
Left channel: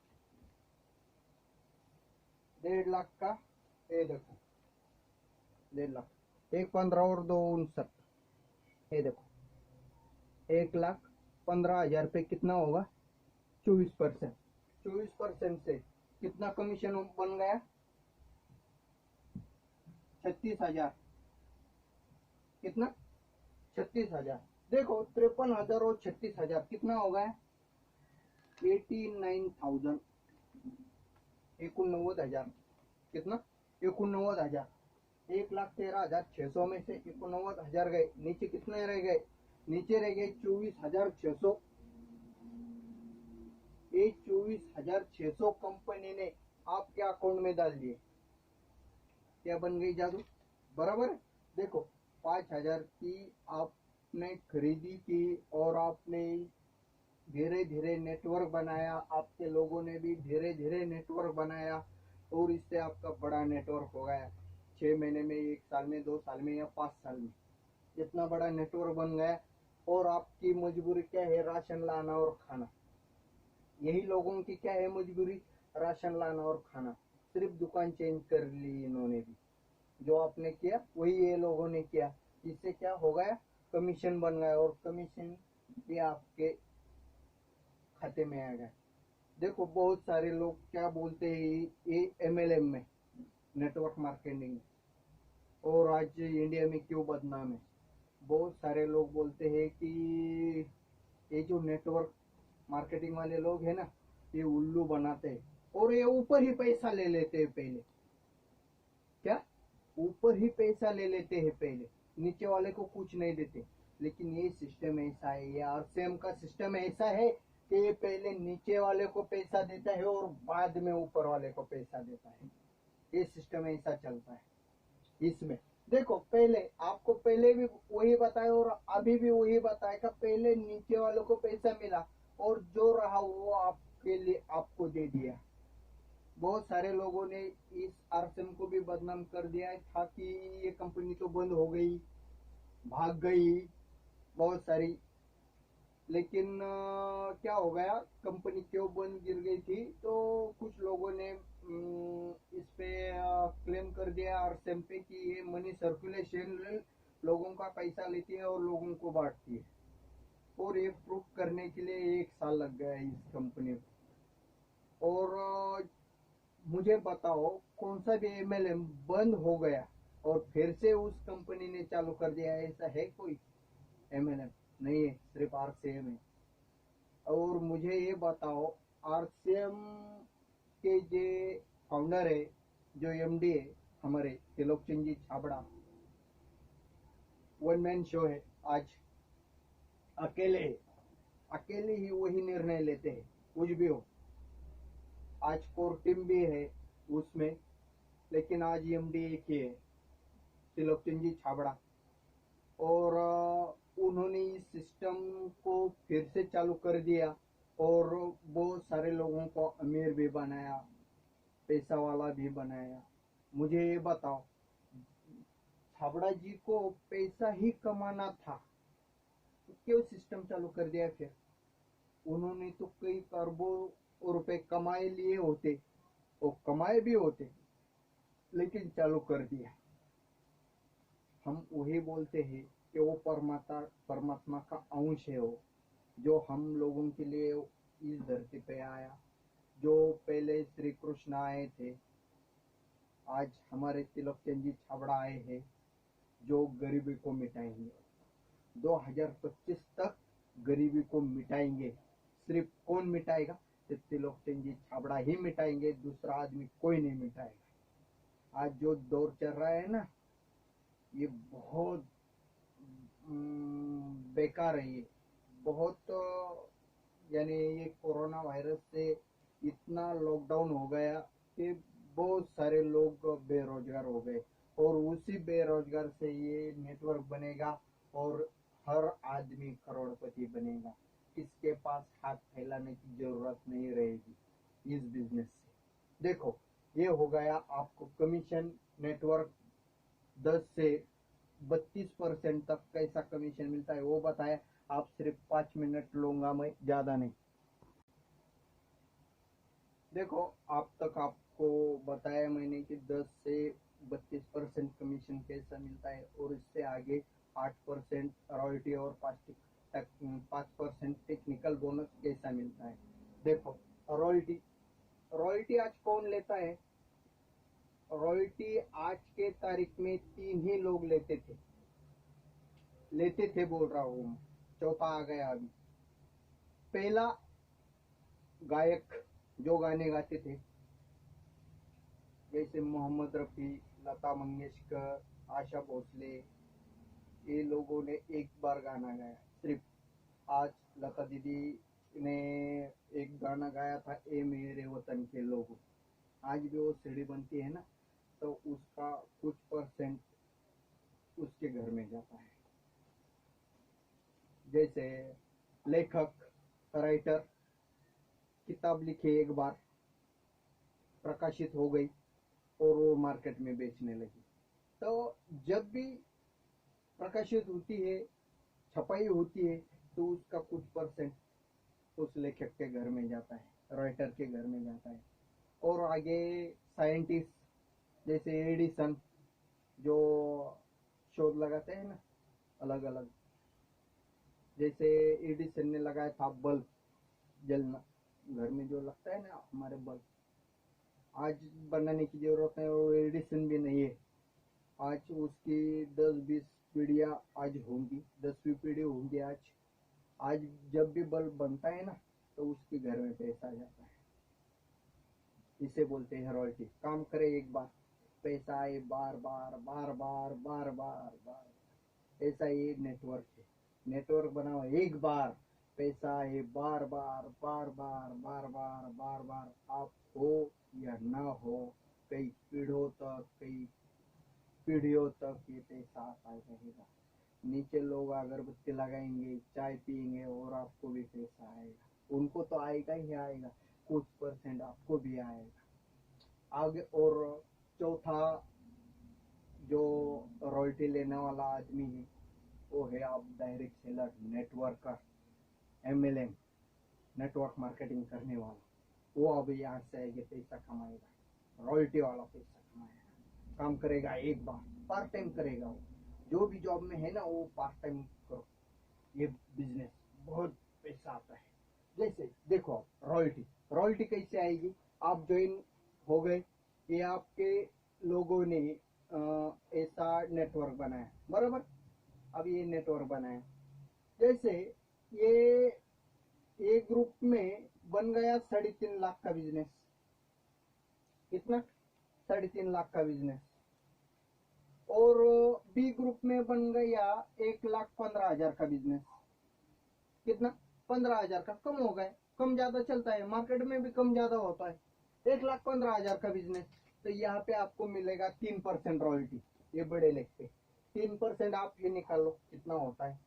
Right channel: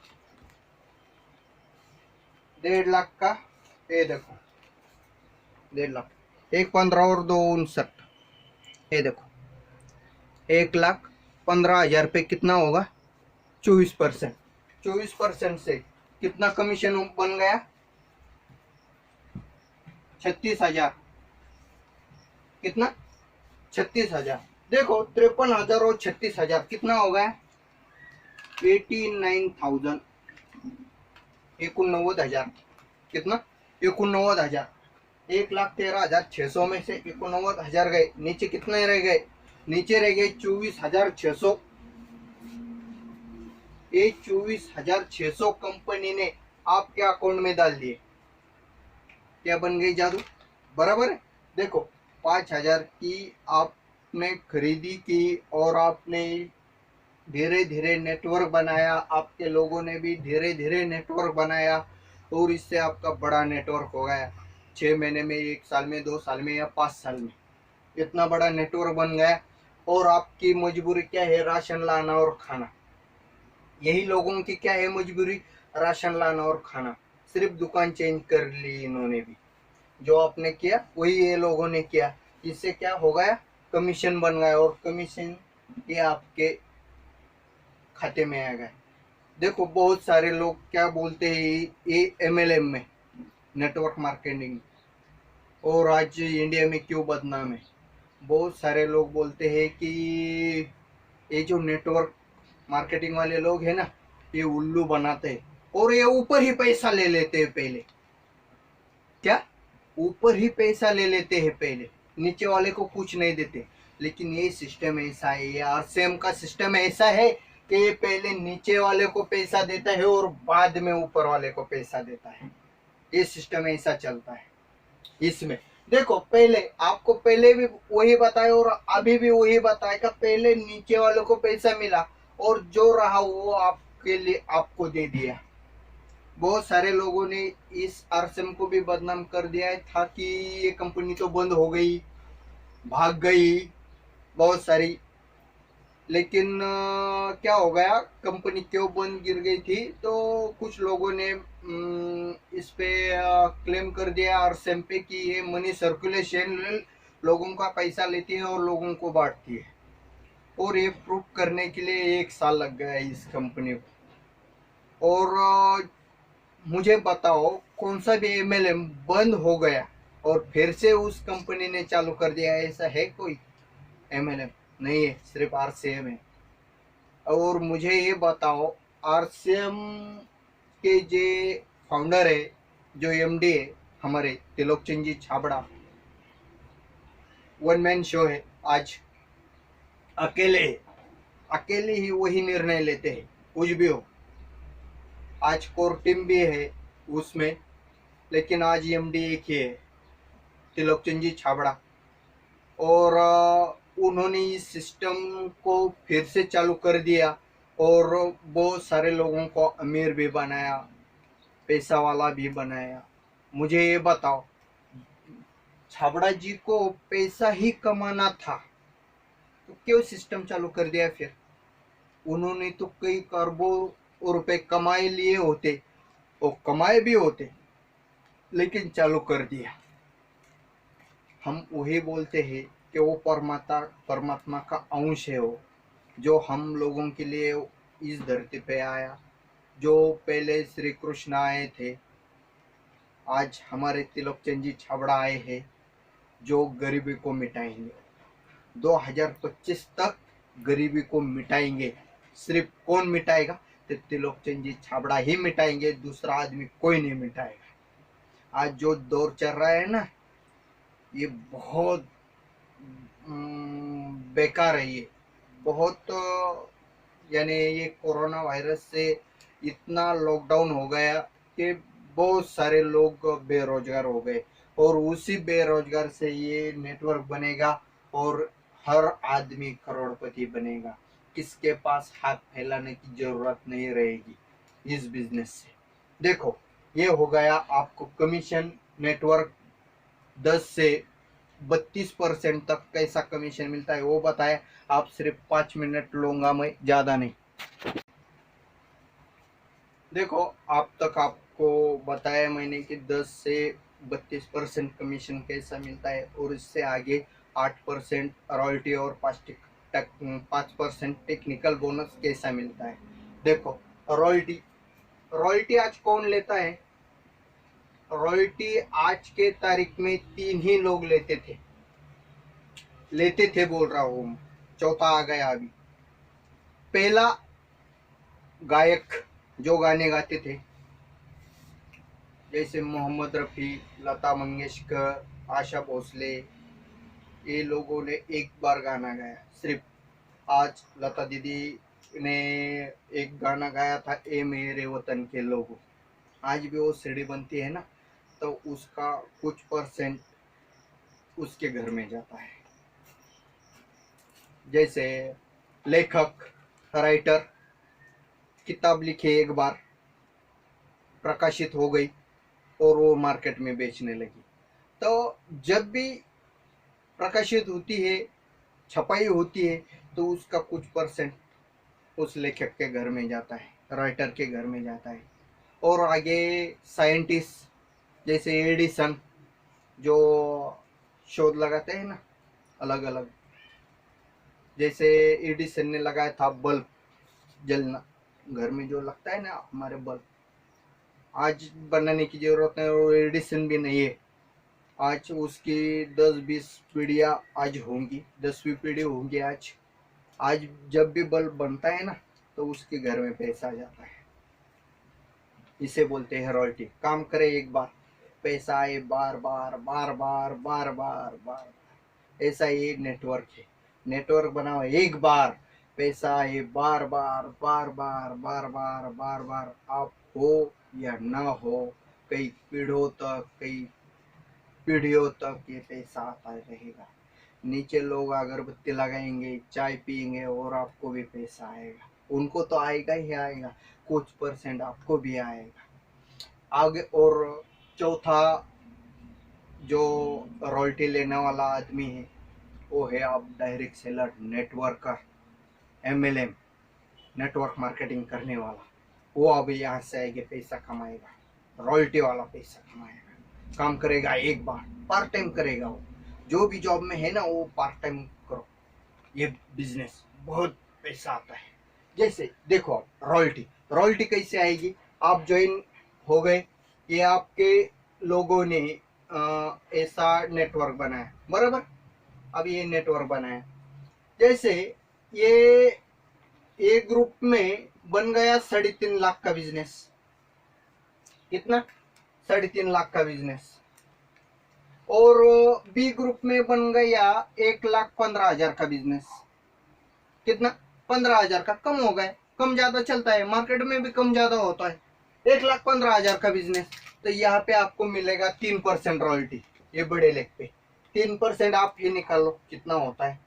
1.5 लाख का, ये देखो 1.5 लाख, 1,15 और 2,59, ये देखो 1,15,000 पे कितना होगा, 24%, 24% से कितना कमीशन बन गया, 36,000, कितना, 36,000। देखो 53,000 और 36,000 कितना हो गया, 89,000, 89,000, कितना, 89,000। 1,13,600 में से 89,000 गए, नीचे कितने रह गए, नीचे रह गए 24,600। ये 24,600 कंपनी ने आपके अकाउंट में डाल दिए, क्या बन गई जादू, बराबर है। देखो 5,000 की आपने खरीदी की, और आपने धीरे धीरे नेटवर्क बनाया, आपके लोगों ने भी धीरे धीरे नेटवर्क बनाया, और इससे आपका बड़ा नेटवर्क हो गया। 6 महीने में, 1 साल में, 2 साल में, या 5 साल में इतना बड़ा नेटवर्क बन गया। और आपकी मजबूरी क्या है, राशन लाना और खाना। यही लोगों की क्या है मजबूरी, राशन लाना और खाना। सिर्फ दुकान चेंज कर ली इन्होंने भी। जो आपने किया वही ये लोगों ने किया। इससे क्या हो गया, कमीशन बन गया और कमीशन ये आपके खाते में आ गए। देखो बहुत सारे लोग क्या बोलते हैं ये एमएलएम में, नेटवर्क मार्केटिंग, और आज इंडिया में क्यों बदनाम है। बहुत सारे लोग बोलते हैं कि ये जो नेटवर्क मार्केटिंग वाले लोग हैं ना, ये उल्लू बनाते हैं और ये ऊपर ही पैसा ले लेते हैं पहले। क्या, ऊपर ही पैसा ले लेते हैं पहले, नीचे वाले को कुछ नहीं देते। लेकिन ये सिस्टम ऐसा है, ये आरसीएम का सिस्टम ऐसा है कि ये पहले नीचे वाले को पैसा देता है और बाद में ऊपर वाले को पैसा देता है। ये सिस्टम ऐसा चलता है इसमें। देखो पहले आपको पहले भी वही बताया और अभी भी वही बताया कि पहले नीचे वाले को पैसा मिला और जो रहा वो आपके लिए आपको दे दिया। बहुत सारे लोगों ने इस आरसीएम को भी बदनाम कर दिया है था कि ये कंपनी तो बंद हो गई, भाग गई बहुत सारी। लेकिन क्या हो गया, कंपनी क्यों बंद गिर गई थी, तो कुछ लोगों ने इस पे क्लेम कर दिया आरसीएम पे कि ये मनी सर्कुलेशन, लोगों का पैसा लेती है और लोगों को बांटती है। और ये प्रूव करने के लिए 1 साल लग गया इस कंपनी को। और मुझे बताओ कौन सा भी एमएलएम बंद हो गया और फिर से उस कंपनी ने चालू कर दिया, ऐसा है कोई एमएलएम? नहीं है, सिर्फ आरसीएम है। और मुझे ये बताओ, आरसीएम के जो फाउंडर है, जो एमडी है हमारे त्रिलोकचंद जी छाबड़ा, वन मैन शो है आज, अकेले अकेले ही वही निर्णय लेते हैं कुछ भी हो। आज कोर टीम भी है उसमें, लेकिन आज एमडी एक ही है, त्रिलोकचंद जी छाबड़ा। और उन्होंने इस सिस्टम को फिर से चालू कर दिया और बहुत सारे लोगों को अमीर भी बनाया, पैसा वाला भी बनाया। मुझे ये बताओ, छाबड़ा जी को पैसा ही कमाना था तो क्यों सिस्टम चालू कर दिया फिर? उन्होंने तो कई करोड़ों रुपए कमाए लिए होते, और कमाए भी होते, लेकिन चालू कर दिया। हम वही बोलते हैं कि वो परमात्मा का अंश है, वो जो हम लोगों के लिए इस धरती पे आया। जो पहले श्री कृष्ण आए थे, आज हमारे त्रिलोकचंद जी छाबड़ा आए हैं, जो गरीबी को मिटाएंगे। 2025 तक गरीबी को मिटाएंगे। सिर्फ कौन मिटाएगा? तो त्रिलोकचंद जी छाबड़ा ही मिटाएंगे, दूसरा आदमी कोई नहीं मिटाएगा। आज जो दौर चल रहा है ना, ये बहुत बेकार है। ये बहुत, यानी ये कोरोना वायरस से इतना लॉकडाउन हो गया कि बहुत सारे लोग बेरोजगार हो गए, और उसी बेरोजगार से ये नेटवर्क बनेगा और हर आदमी करोड़पति बनेगा। किसके पास हाथ फैलाने की जरूरत नहीं रहेगी इस बिजनेस से। देखो ये हो गया आपको कमीशन। नेटवर्क 10 से 32% तक कैसा कमीशन मिलता है वो बताया। आप सिर्फ 5 मिनट लूंगा मैं, ज्यादा नहीं। देखो आप तक आपको बताया मैंने कि 10 से 32% कमीशन कैसा मिलता है, और इससे आगे 8% रॉयल्टी और 5% टेक्निकल बोनस कैसा मिलता है। देखो रॉयल्टी, रॉयल्टी आज कौन लेता है? रॉयल्टी आज के तारीख में 3 ही लोग लेते थे बोल रहा हूँ, चौथा आ गया अभी। पहला गायक जो गाने गाते थे, जैसे मोहम्मद रफ़ी, लता मंगेशकर, आशा भोसले, ये लोगों ने एक बार गाना गाया सिर्फ। आज लता दीदी ने एक गाना गाया था, ए मेरे वतन के लोगों। आज भी वो सीडी बनती है ना, तो उसका कुछ परसेंट उसके घर में जाता है। जैसे लेखक, राइटर, किताब लिखे, एक बार प्रकाशित हो गई और वो मार्केट में बेचने लगी, तो जब भी प्रकाशित होती है, छपाई होती है, तो उसका कुछ परसेंट उस लेखक के घर में जाता है, राइटर के घर में जाता है। और आगे साइंटिस्ट जैसे एडिसन जो शोध लगाते हैं ना अलग अलग, जैसे एडिसन ने लगाया था बल्ब जलना, घर में जो लगता है ना हमारे बल्ब, आज बनाने की जरूरत है और एडिसन भी नहीं है। आज उसकी 10-20 पीढ़ियाँ आज होंगी, 10वीं पीढ़ी होंगी आज। आज जब भी बल्ब बनता है ना तो उसके घर में पैसा आ जाता है। इसे बोलते हैं रॉयल्टी। काम करे एक बार, पैसा आए बार बार बार बार बार बार बार। ऐसा ये नेटवर्क है। नेटवर्क बनाओ एक बार, पैसा आए बार बार बार बार बार बार बार बार। आप हो या ना हो, कई पीढ़ियों तक ये पैसा आता रहेगा। नीचे लोग अगरबत्ती लगाएंगे, चाय पियेंगे और आपको भी पैसा आएगा। उनको तो आएगा ही आएगा, कुछ परसेंट आपको भी आएगा आगे। और चौथा जो रॉयल्टी लेने वाला आदमी है वो है आप direct seller, networker, MLM, network marketing करने वाला। वो अब यहाँ से आगे पैसा कमाएगा, रॉयल्टी वाला पैसा कमाएगा। काम करेगा एक बार, पार्ट टाइम करेगा। वो जो भी जॉब में है ना वो पार्ट टाइम करो। ये बिजनेस बहुत पैसा आता है। जैसे देखो आप रॉयल्टी, रॉयल्टी कैसे आएगी? आप ज्वाइन हो गए, ये आपके लोगों ने ऐसा नेटवर्क बनाया बराबर। अब ये नेटवर्क बनाया, जैसे ये एक ग्रुप में बन गया 3.5 लाख का बिजनेस। कितना? 3.5 लाख का बिजनेस। और बी ग्रुप में बन गया 1,15,000 का बिजनेस। कितना? 15,000 का। कम हो गए, कम ज्यादा चलता है, मार्केट में भी कम ज्यादा होता है। 1,15,000 का बिजनेस, तो यहाँ पे आपको मिलेगा 3% रॉयल्टी। ये बड़े लेग पे 3% आप ये निकालो कितना होता है।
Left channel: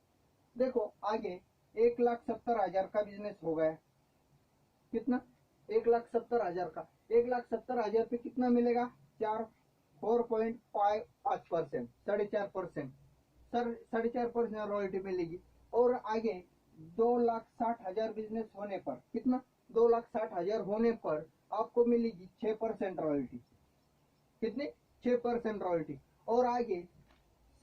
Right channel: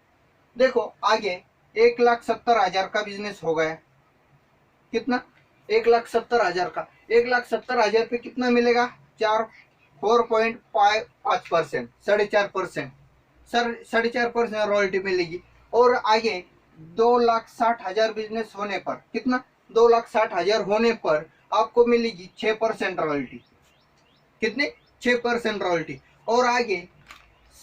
देखो आगे 1,70,000 का बिजनेस हो गया। कितना? 1,70,000 का। 1,70,000 पे कितना मिलेगा? 4.5%, 4.5%, 4.5% रॉयल्टी मिलेगी। और आगे 2,60,000 बिजनेस होने पर कितना? 2,60,000 होने पर आपको मिलेगी 6% रॉयल्टी। कितने? 6% रॉयल्टी। और आगे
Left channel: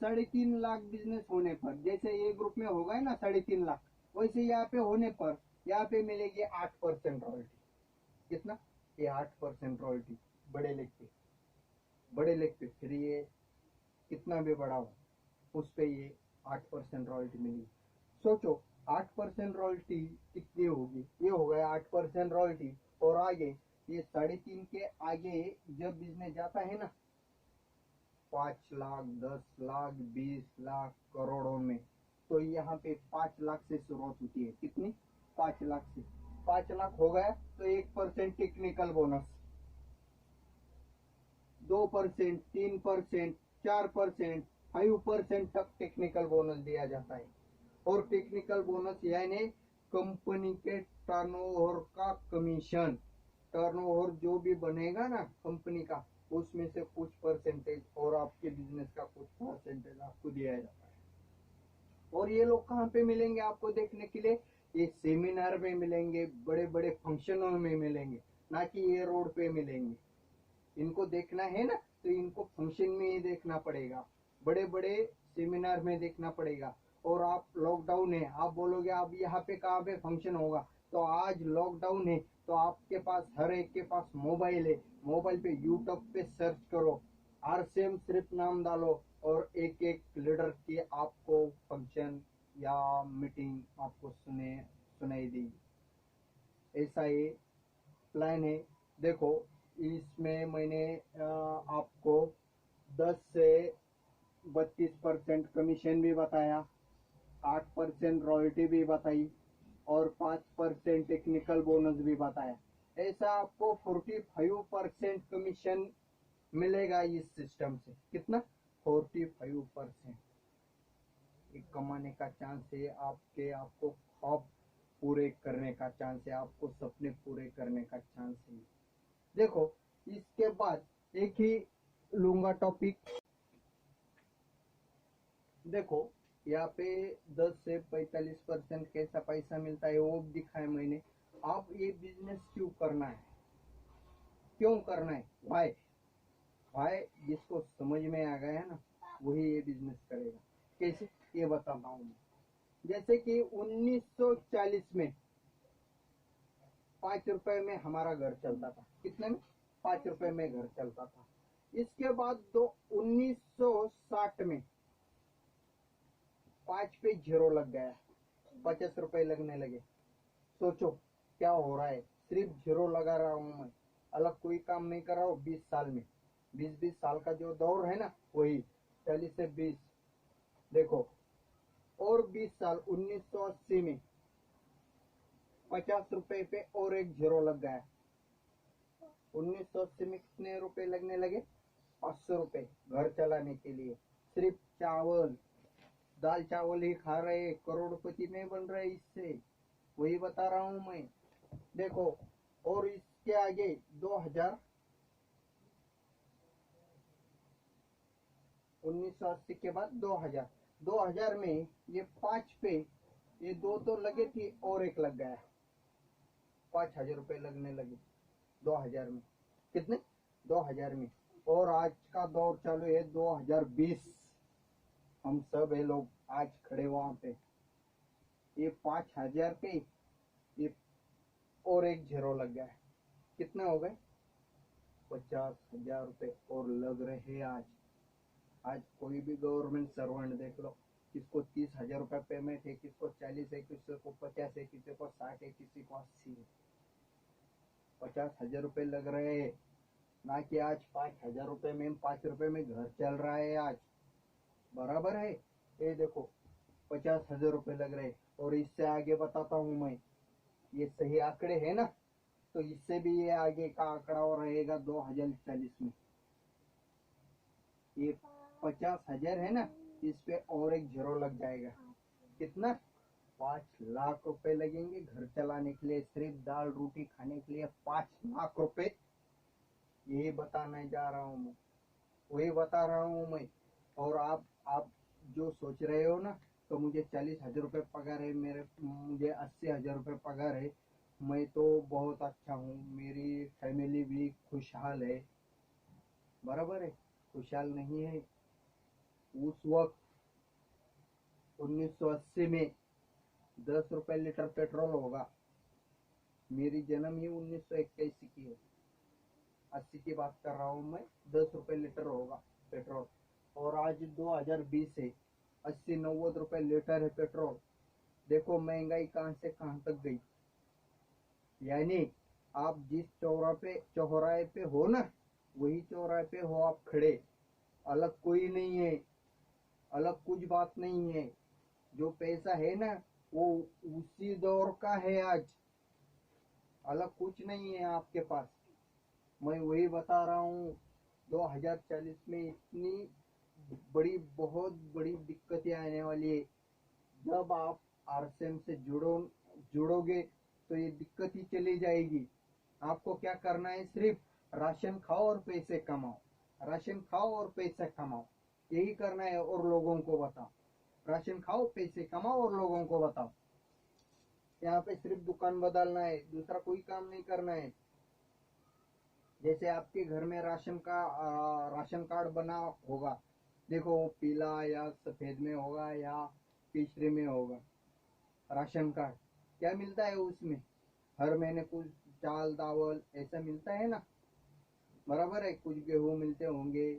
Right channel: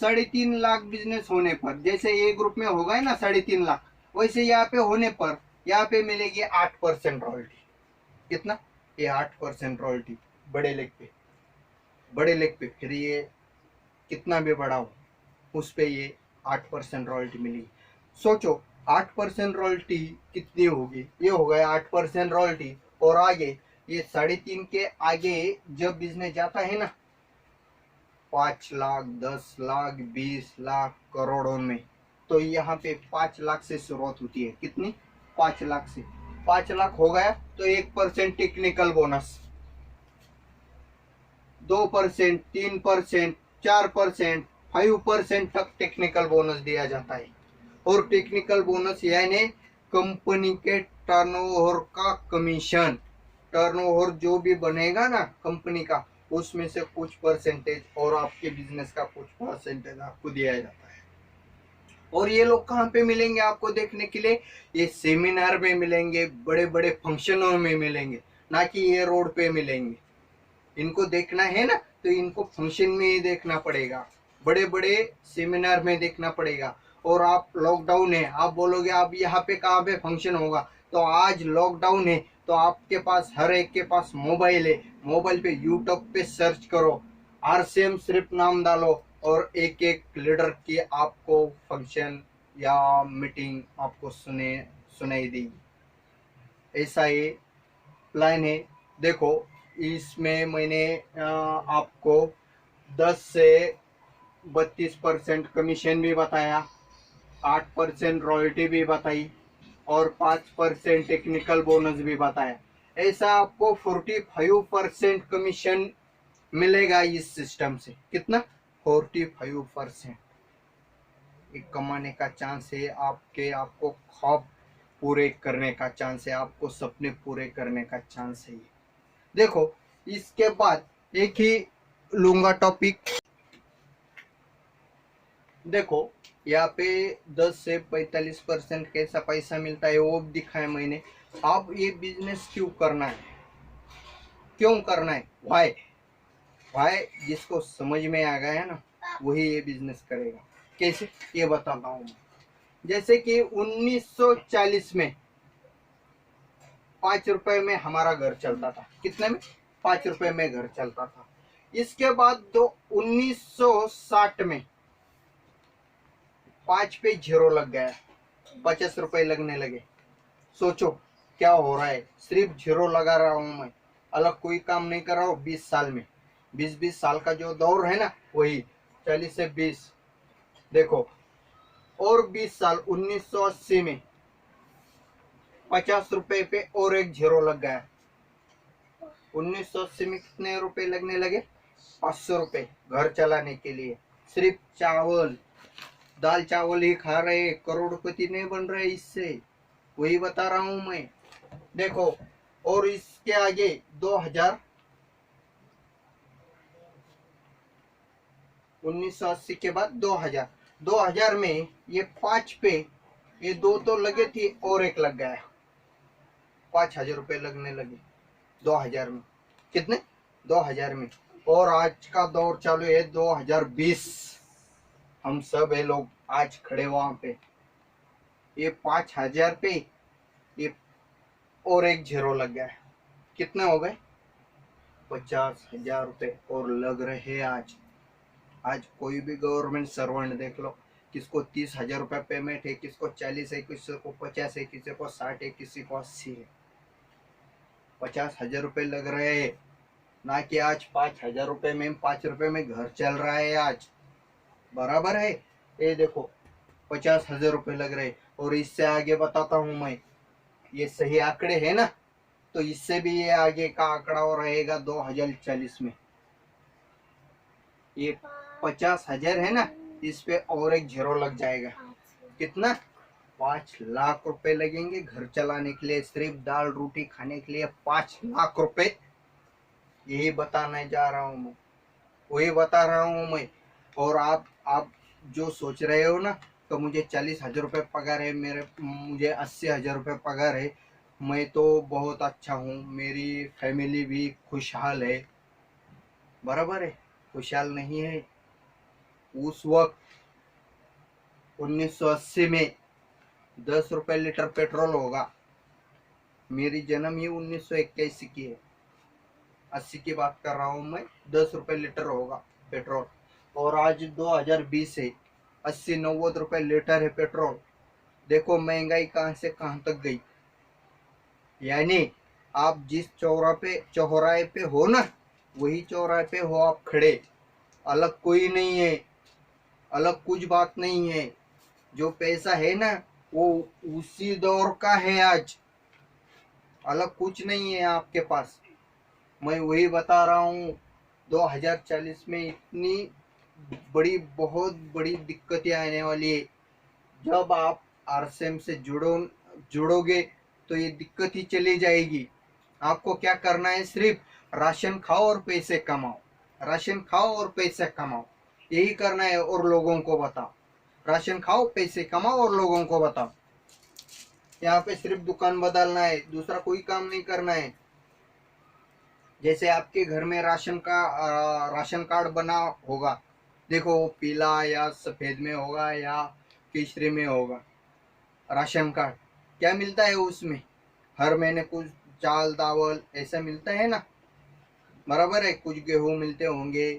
3.5 लाख बिजनेस होने पर, जैसे ए ग्रुप में होगा है ना 3.5 लाख, वैसे यहाँ पे होने पर यहाँ पे मिलेगी 8% रॉयल्टी। कितना? ये 8% रॉयल्टी बड़े लेग पे। बड़े लेग पे फिर ये कितना भी बड़ा हो उस पे ये 8% रॉयल्टी मिलेगी। सोचो 8% रॉयल्टी कितनी होगी? ये हो गया 8% रॉयल्टी। और आगे ये 3.5 के आगे जब बिजनेस जाता है ना 5 लाख, 10 लाख, 20 लाख, करोड़ों में, तो यहाँ पे 5 लाख से शुरुआत होती है। कितनी? 5 लाख से। 5 लाख हो गया तो 1% टेक्निकल बोनस, 2%, 3%, 4%, 5% तक टेक्निकल बोनस दिया जाता है। और टेक्निकल बोनस यानी कंपनी के टर्नओवर का कमीशन। टर्नओवर जो भी बनेगा ना कंपनी का, उसमें से कुछ परसेंटेज और आपके बिजनेस का कुछ परसेंटेज आपको दिया जाता है। और ये लोग कहाँ पे मिलेंगे आपको देखने के लिए? ये सेमिनार में मिलेंगे, बड़े बड़े फंक्शनों में मिलेंगे, ना कि ये रोड पे मिलेंगे। इनको देखना है ना तो इनको फंक्शन में ही देखना पड़ेगा, बड़े बड़े सेमिनार में देखना पड़ेगा। और आप लॉकडाउन है, आप बोलोगे आप यहाँ पे कहाँ पे फंक्शन होगा? तो आज लॉकडाउन है तो आपके पास हर एक के पास मोबाइल है। मोबाइल पे यूट्यूब पे सर्च करो, RCM सिर्फ नाम डालो और एक एक लीडर की आपको फंक्शन या मीटिंग आपको सुनाई देगी। ऐसा ये प्लान है। देखो इसमें मैंने आपको 10 से 32% कमीशन भी बताया, 8% रॉयल्टी भी बताई और 5% टेक्निकल बोनस भी बताया। ऐसा आपको 45% कमीशन मिलेगा इस सिस्टम से। कितना? 45% एक कमाने का चांस है आपके। आपको ख्वाब पूरे करने का चांस है, आपको सपने पूरे करने का चांस है। देखो इसके बाद एक ही लूंगा टॉपिक। देखो यहाँ पे 10 से 45% कैसा पैसा मिलता है वो दिखाया मैंने। अब ये बिजनेस क्यों करना है? क्यों करना है, वाई वाई जिसको समझ में आ गया है ना वही ये बिजनेस करेगा। कैसे ये बताता हूँ मैं। जैसे कि 1940 में 5 रुपए में हमारा घर चलता था। कितने में? 5 रुपए में घर चलता था। इसके बाद तो 1960 में 5 पे जीरो लग गया, 50 रुपए लगने लगे। सोचो क्या हो रहा है, सिर्फ जीरो लगा रहा हूं मैं, अलग कोई काम नहीं कर रहा हूँ। 20 साल में 20 साल का जो दौर है ना वही 40 से 20 देखो। और 20 साल 1980 में 50 रुपए पे और एक जीरो लग गया। 1980 में कितने रुपए लगने लगे? 500 रुपए घर चलाने के लिए। सिर्फ चावल दाल चावल ही खा रहे, करोड़पति नहीं बन रहे इससे, वही बता रहा हूं मैं। देखो और इसके आगे 2000 1980 के बाद 2000 में ये 5 पे ये 2 तो लगे थे और एक लग गया, 5000 रुपए लगने लगे 2000 में। कितने? 2000 में। और आज का दौर चालू है 2020, हम सब है लोग आज खड़े वहां पे। ये 5000 पे ये और एक जीरो लग गया है, कितने हो गए? 50,000 रुपए और लग रहे हैं आज। आज कोई भी गवर्नमेंट सर्वेंट देख लो, किसको 30,000 रुपए पेमेंट है, किसको 40 है, किसी को 50 है, किसी को 60 है, किसी को 80 है। 50,000 रुपए लग रहे हैं ना कि आज 5,000 रुपए में 5 रुपए में घर चल रहा है आज, बराबर है। ये देखो 50,000 रुपए लग रहे। और इससे आगे बताता हूं मैं, ये सही आंकड़े है ना, तो इससे भी ये आगे का आंकड़ा रहेगा 2040 में। ये 50,000 है ना, इस पे और एक जीरो लग जाएगा। कितना? 5 लाख रुपए लगेंगे घर चलाने के लिए, सिर्फ दाल रोटी खाने के लिए 5 लाख रुपए। यही बताने जा रहा हूँ मैं, वही बता रहा हूँ मैं। और आप जो सोच रहे हो ना तो मुझे 40,000 रुपये पगार है, मुझे 80,000 रुपये पगार है, मैं तो बहुत अच्छा हूँ, मेरी फैमिली भी खुशहाल है, बराबर है। खुशहाल नहीं है। उस वक्त 1980 में 10 रुपए लीटर पेट्रोल होगा। मेरी जन्म ही 1981 की है, 80 की बात कर रहा हूँ मैं। 10 रुपए लीटर होगा पेट्रोल। और आज 2020 है, 80-90 रुपए लीटर है पेट्रोल। देखो महंगाई कहाँ से कहाँ तक गई। यानी आप जिस चौराहे पे हो ना वही चौराहे पे हो आप खड़े, अलग कोई नहीं है, अलग कुछ बात नहीं है। जो पैसा है ना वो उसी दौर का है आज, अलग कुछ नहीं है आपके पास। मैं वही बता रहा हूँ 2040 में इतनी बड़ी बहुत बड़ी दिक्कतें आने वाली है। जब आप आरसीएम से जुड़ोगे तो ये दिक्कत ही चली जाएगी। आपको क्या करना है? सिर्फ राशन खाओ और पैसे कमाओ, राशन खाओ और पैसे कमाओ, यही करना है। और लोगों को बताओ, राशन खाओ पैसे कमाओ और लोगों को बताओ। यहाँ पे सिर्फ दुकान बदलना है, दूसरा कोई काम नहीं करना है। जैसे आपके घर में राशन कार्ड बना होगा, देखो वो पीला या सफेद में होगा या केसरी में होगा। राशन कार्ड क्या मिलता है उसमें? हर महीने कुछ चाल दावल ऐसा मिलता है ना, बराबर है। कुछ गेहूं मिलते होंगे,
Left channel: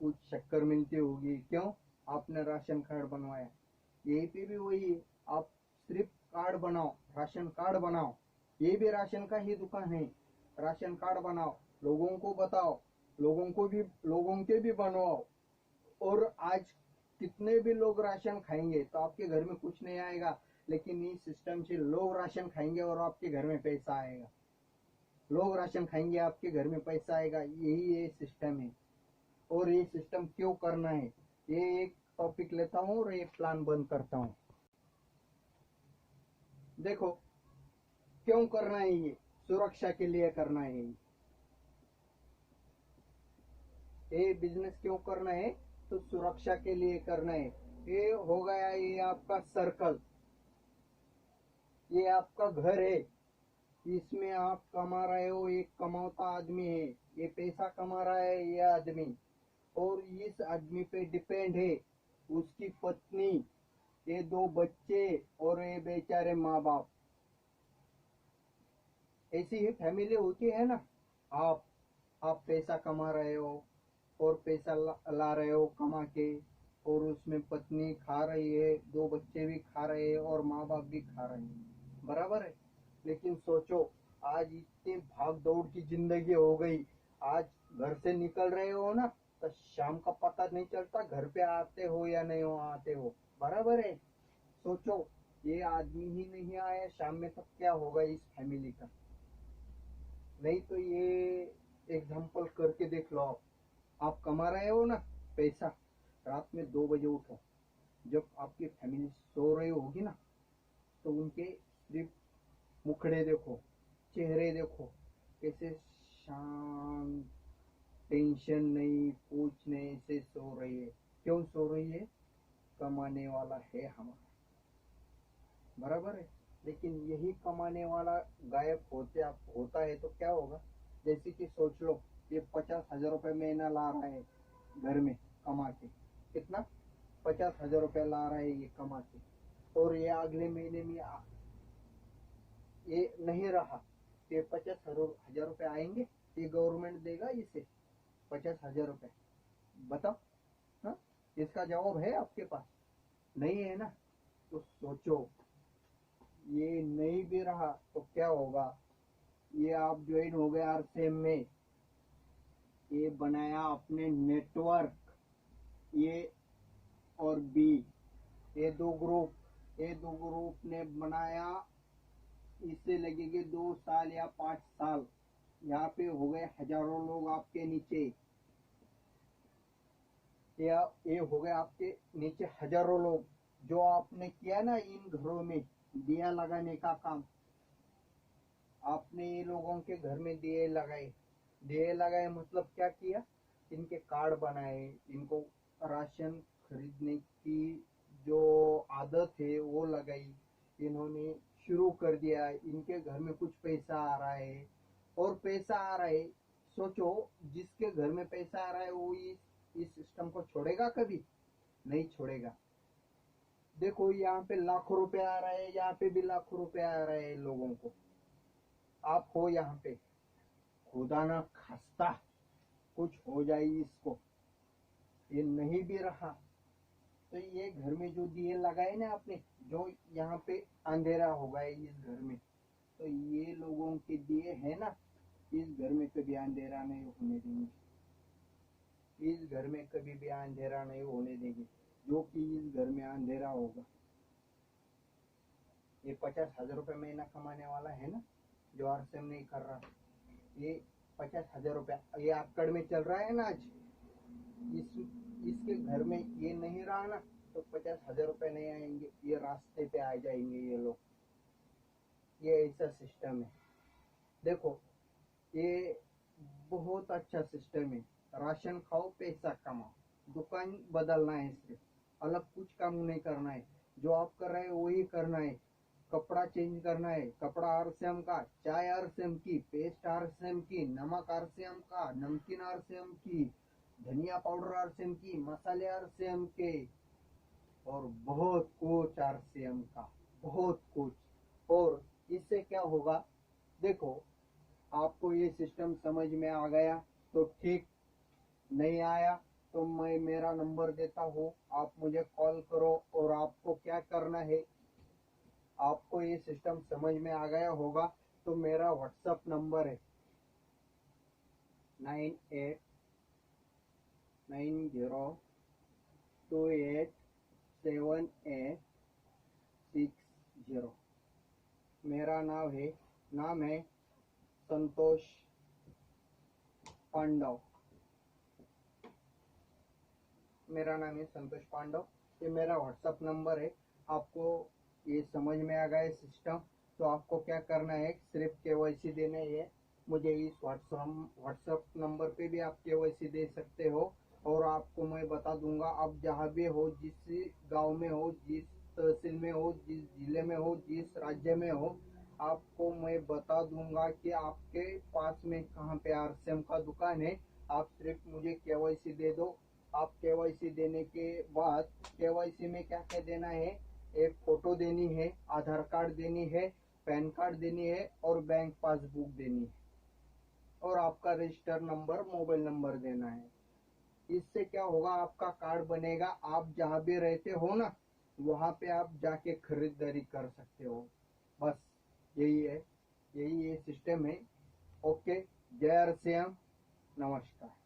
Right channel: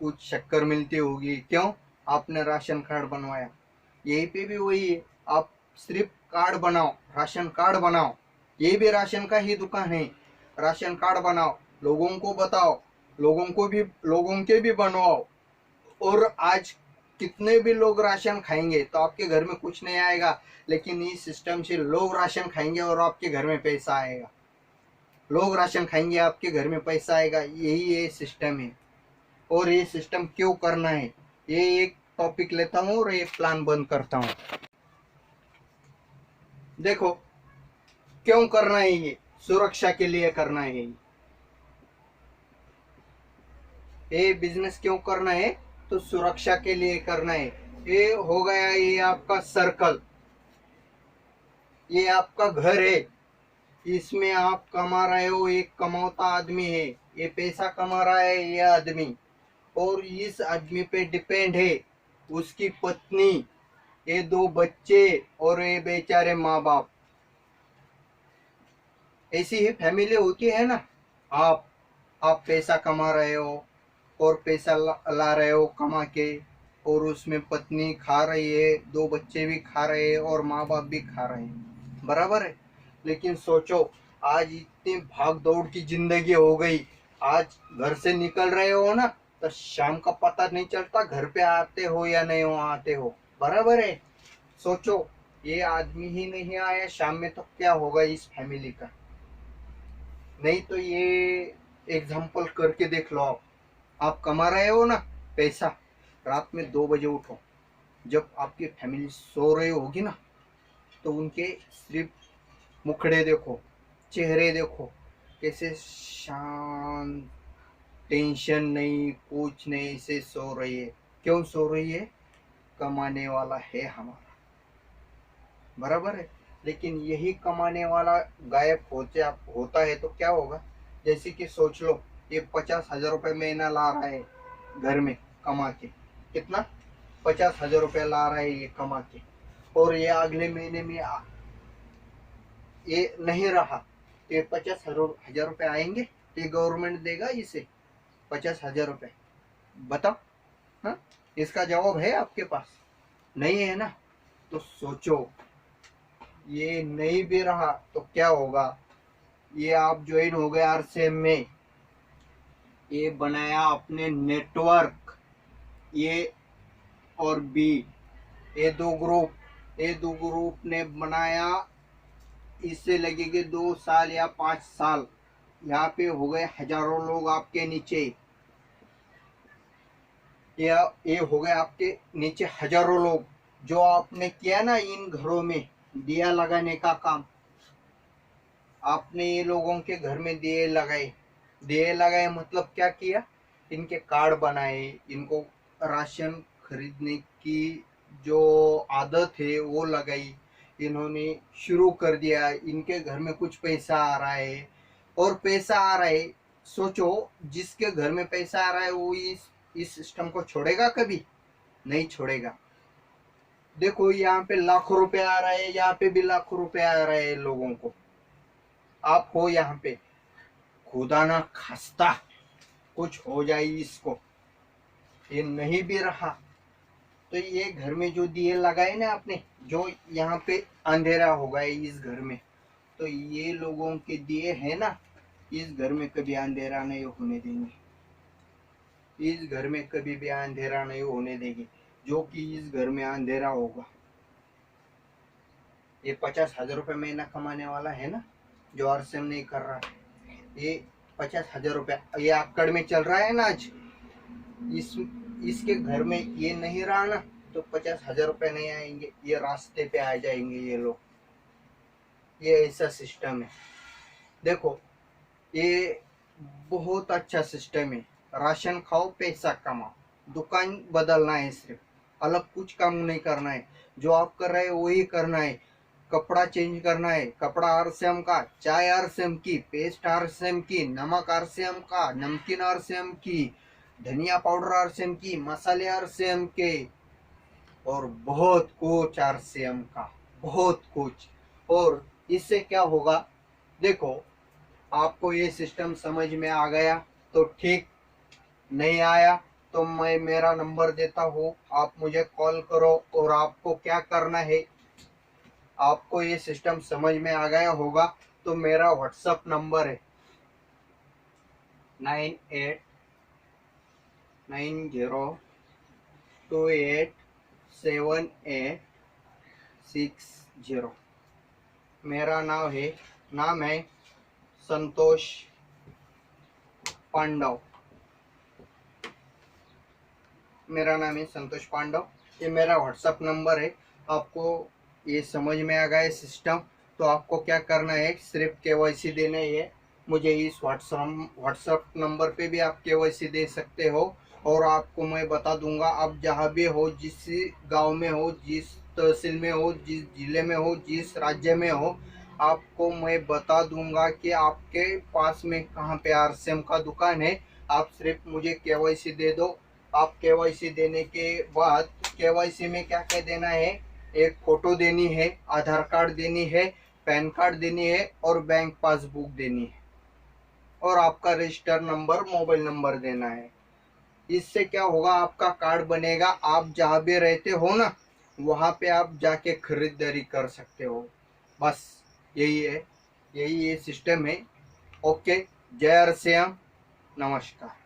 कुछ शक्कर मिलती होगी। क्यों? आपने राशन कार्ड बनवाया। यही पे भी वही है, आप सिर्फ कार्ड बनाओ, राशन कार्ड बनाओ। ये भी राशन का ही दुकान है। राशन कार्ड बनाओ, लोगों को बताओ, लोगों के भी बनवाओ। और आज कितने भी लोग राशन खाएंगे तो आपके घर में कुछ नहीं आएगा, लेकिन इस सिस्टम से लोग राशन खाएंगे और आपके घर में पैसा आएगा। लोग राशन खाएंगे आपके घर में पैसा आएगा, यही ये सिस्टम है। और ये सिस्टम क्यों करना है, ये एक टॉपिक लेता हूँ और ये प्लान बंद करता हूँ। देखो क्यों करना है, ये सुरक्षा के लिए करना है। ये बिजनेस क्यों करना है? तो सुरक्षा के लिए करना है। ये हो गया ये आपका सर्कल, ये आपका घर है। इसमें आप कमा रहे हो, एक कमाता आदमी है, ये पैसा कमा रहा है ये आदमी, और इस आदमी पे डिपेंड है उसकी पत्नी, ये दो बच्चे और ये बेचारे माँ बाप। ऐसी ही फैमिली होती है ना। आप आप पैसा कमा रहे हो और पैसा ला रहे हो कमा के, और उसमें पत्नी खा रही है, दो बच्चे भी खा रहे हैं और माँ बाप भी खा रहे हैं, बराबर है। लेकिन सोचो, आज इतनी भाग दौड़ की जिंदगी हो गई, आज घर से निकल रहे हो ना, तो शाम का पता नहीं चलता घर पे आते हो या नहीं हो आते हो, बराबर है। सोचो, ये आदमी ही नहीं आया शाम में तो क्या होगा इस फैमिली का। नहीं तो ये एग्जाम्पल करके देख लो। आप कमा रहे हो ना पैसा, रात में 2 बजे उठो, जब आपकी फैमिली सो रही होगी ना, तो उनके सिर्फ मुखड़े देखो, चेहरे देखो, कैसे शांत, टेंशन नहीं, कुछ नहीं, ऐसे सो रही है। क्यों सो रही है? कमाने वाला है हमारा, बराबर है। लेकिन यही कमाने वाला गायब होता है तो क्या होगा? जैसे कि सोच लो, ये 50,000 रुपये महीना ला रहा है घर में कमा के, कितना? 50,000 रुपये ला रहा है ये कमा के, और ये अगले महीने में ये नहीं रहा, तो ये 50,000 रुपये आएंगे? ये गवर्नमेंट देगा इसे 50,000 रुपये? बताओ। हाँ, इसका जवाब है आपके पास? नहीं है ना। तो सोचो, ये नहीं भी रहा तो क्या होगा? ये आप ज्वाइन हो गए आरसीएम में, ये बनाया आपने नेटवर्क, ये और बी, ये दो ग्रुप ने बनाया। इससे लगेंगे 2 साल या 5 साल, यहाँ पे हो गए हजारों लोग आपके नीचे, ये हो गए आपके नीचे हजारों लोग। जो आपने किया ना इन घरों में दिया लगाने का काम, आपने ये लोगों के घर में दिए लगाए। दिए लगाए मतलब क्या किया? इनके कार्ड बनाए, इनको राशन खरीदने की जो आदत है वो लगाई, इन्होंने शुरू कर दिया। इनके घर में कुछ पैसा आ रहा है, और पैसा आ रहा है, सोचो, जिसके घर में पैसा आ रहा है वो इस सिस्टम को छोड़ेगा? कभी नहीं छोड़ेगा। देखो, यहाँ पे लाखों रुपए आ रहा है, यहाँ पे भी लाखों रुपए आ रहे हैं लोगों को। आप हो यहाँ पे, खुदा ना खास्ता कुछ हो जाए इसको, ये नहीं भी रहा, तो ये घर में जो दिए लगाए ना आपने, जो यहाँ पे अंधेरा हो गया इस घर में, तो ये लोगों के दिए है ना, इस घर में कभी अंधेरा नहीं होने देंगे, इस घर में कभी भी अंधेरा नहीं होने देंगे। जो कि इस घर में अंधेरा होगा, ये 50,000 रुपये महीना कमाने वाला है ना, जो आरसीएम नहीं कर रहा, ये 50,000 रुपये ये आकड़ में चल रहा है ना आज, इस इसके घर में ये नहीं रहा ना, तो 50,000 रुपये नहीं आएंगे, ये रास्ते पे आ जाएंगे ये लोग। ये ऐसा सिस्टम है। देखो, ये बहुत अच्छा सिस्टम है। राशन खाओ, पैसा कमाओ, दुकान बदलना है सिर्फ, अलग कुछ काम नहीं करना है। जो आप कर रहे हैं वही करना है। कपड़ा चेंज करना है, कपड़ा आरसीएम का, चाय आरसीएम की, पेस्ट आरसीएम की, नमक आरसीएम का, नमकीन आरसीएम की, धनिया पाउडर आरसीएम की, मसाले आरसीएम के, और बहुत कुछ आरसीएम का, बहुत कुछ। और इससे क्या होगा? देखो, आपको ये सिस्टम समझ में आ गया तो ठीक, नहीं आया तो मैं मेरा नंबर देता हूँ, आप मुझे कॉल करो। और आपको क्या करना है, आपको ये सिस्टम समझ में आ गया होगा तो मेरा व्हाट्सअप नंबर है 9890287860। मेरा नाम है संतोष पांडव। मेरा नाम है संतोष पांडव, ये मेरा व्हाट्सअप नंबर है। आपको ये समझ में आ गया सिस्टम, तो आपको क्या करना है, सिर्फ केवाईसी देना ही है। मुझे इस व्हाट्सअप नंबर पे भी आप केवाईसी दे सकते हो, और आपको मैं बता दूंगा, आप जहाँ भी हो, जिस गांव में हो, जिस तहसील में हो, जिस जिले में हो, जिस राज्य में हो, आपको मैं बता दूंगा कि आपके पास में कहाँ पे आरसीएम का दुकान है। आप सिर्फ मुझे केवाईसी दे दो। आप केवाईसी देने के बाद केवाईसी में क्या क्या देना है, एक फोटो देनी है, आधार कार्ड देनी है, पैन कार्ड देनी है और बैंक पासबुक देनी है और आपका रजिस्टर नंबर, मोबाइल नंबर देना है। इससे क्या होगा, आपका कार्ड बनेगा। आप जहाँ भी रहते हो ना, वहाँ पे आप जाके खरीदारी कर सकते हो। बस यही है, यही ये सिस्टम है। ओके, जय श्री राम, नमस्कार।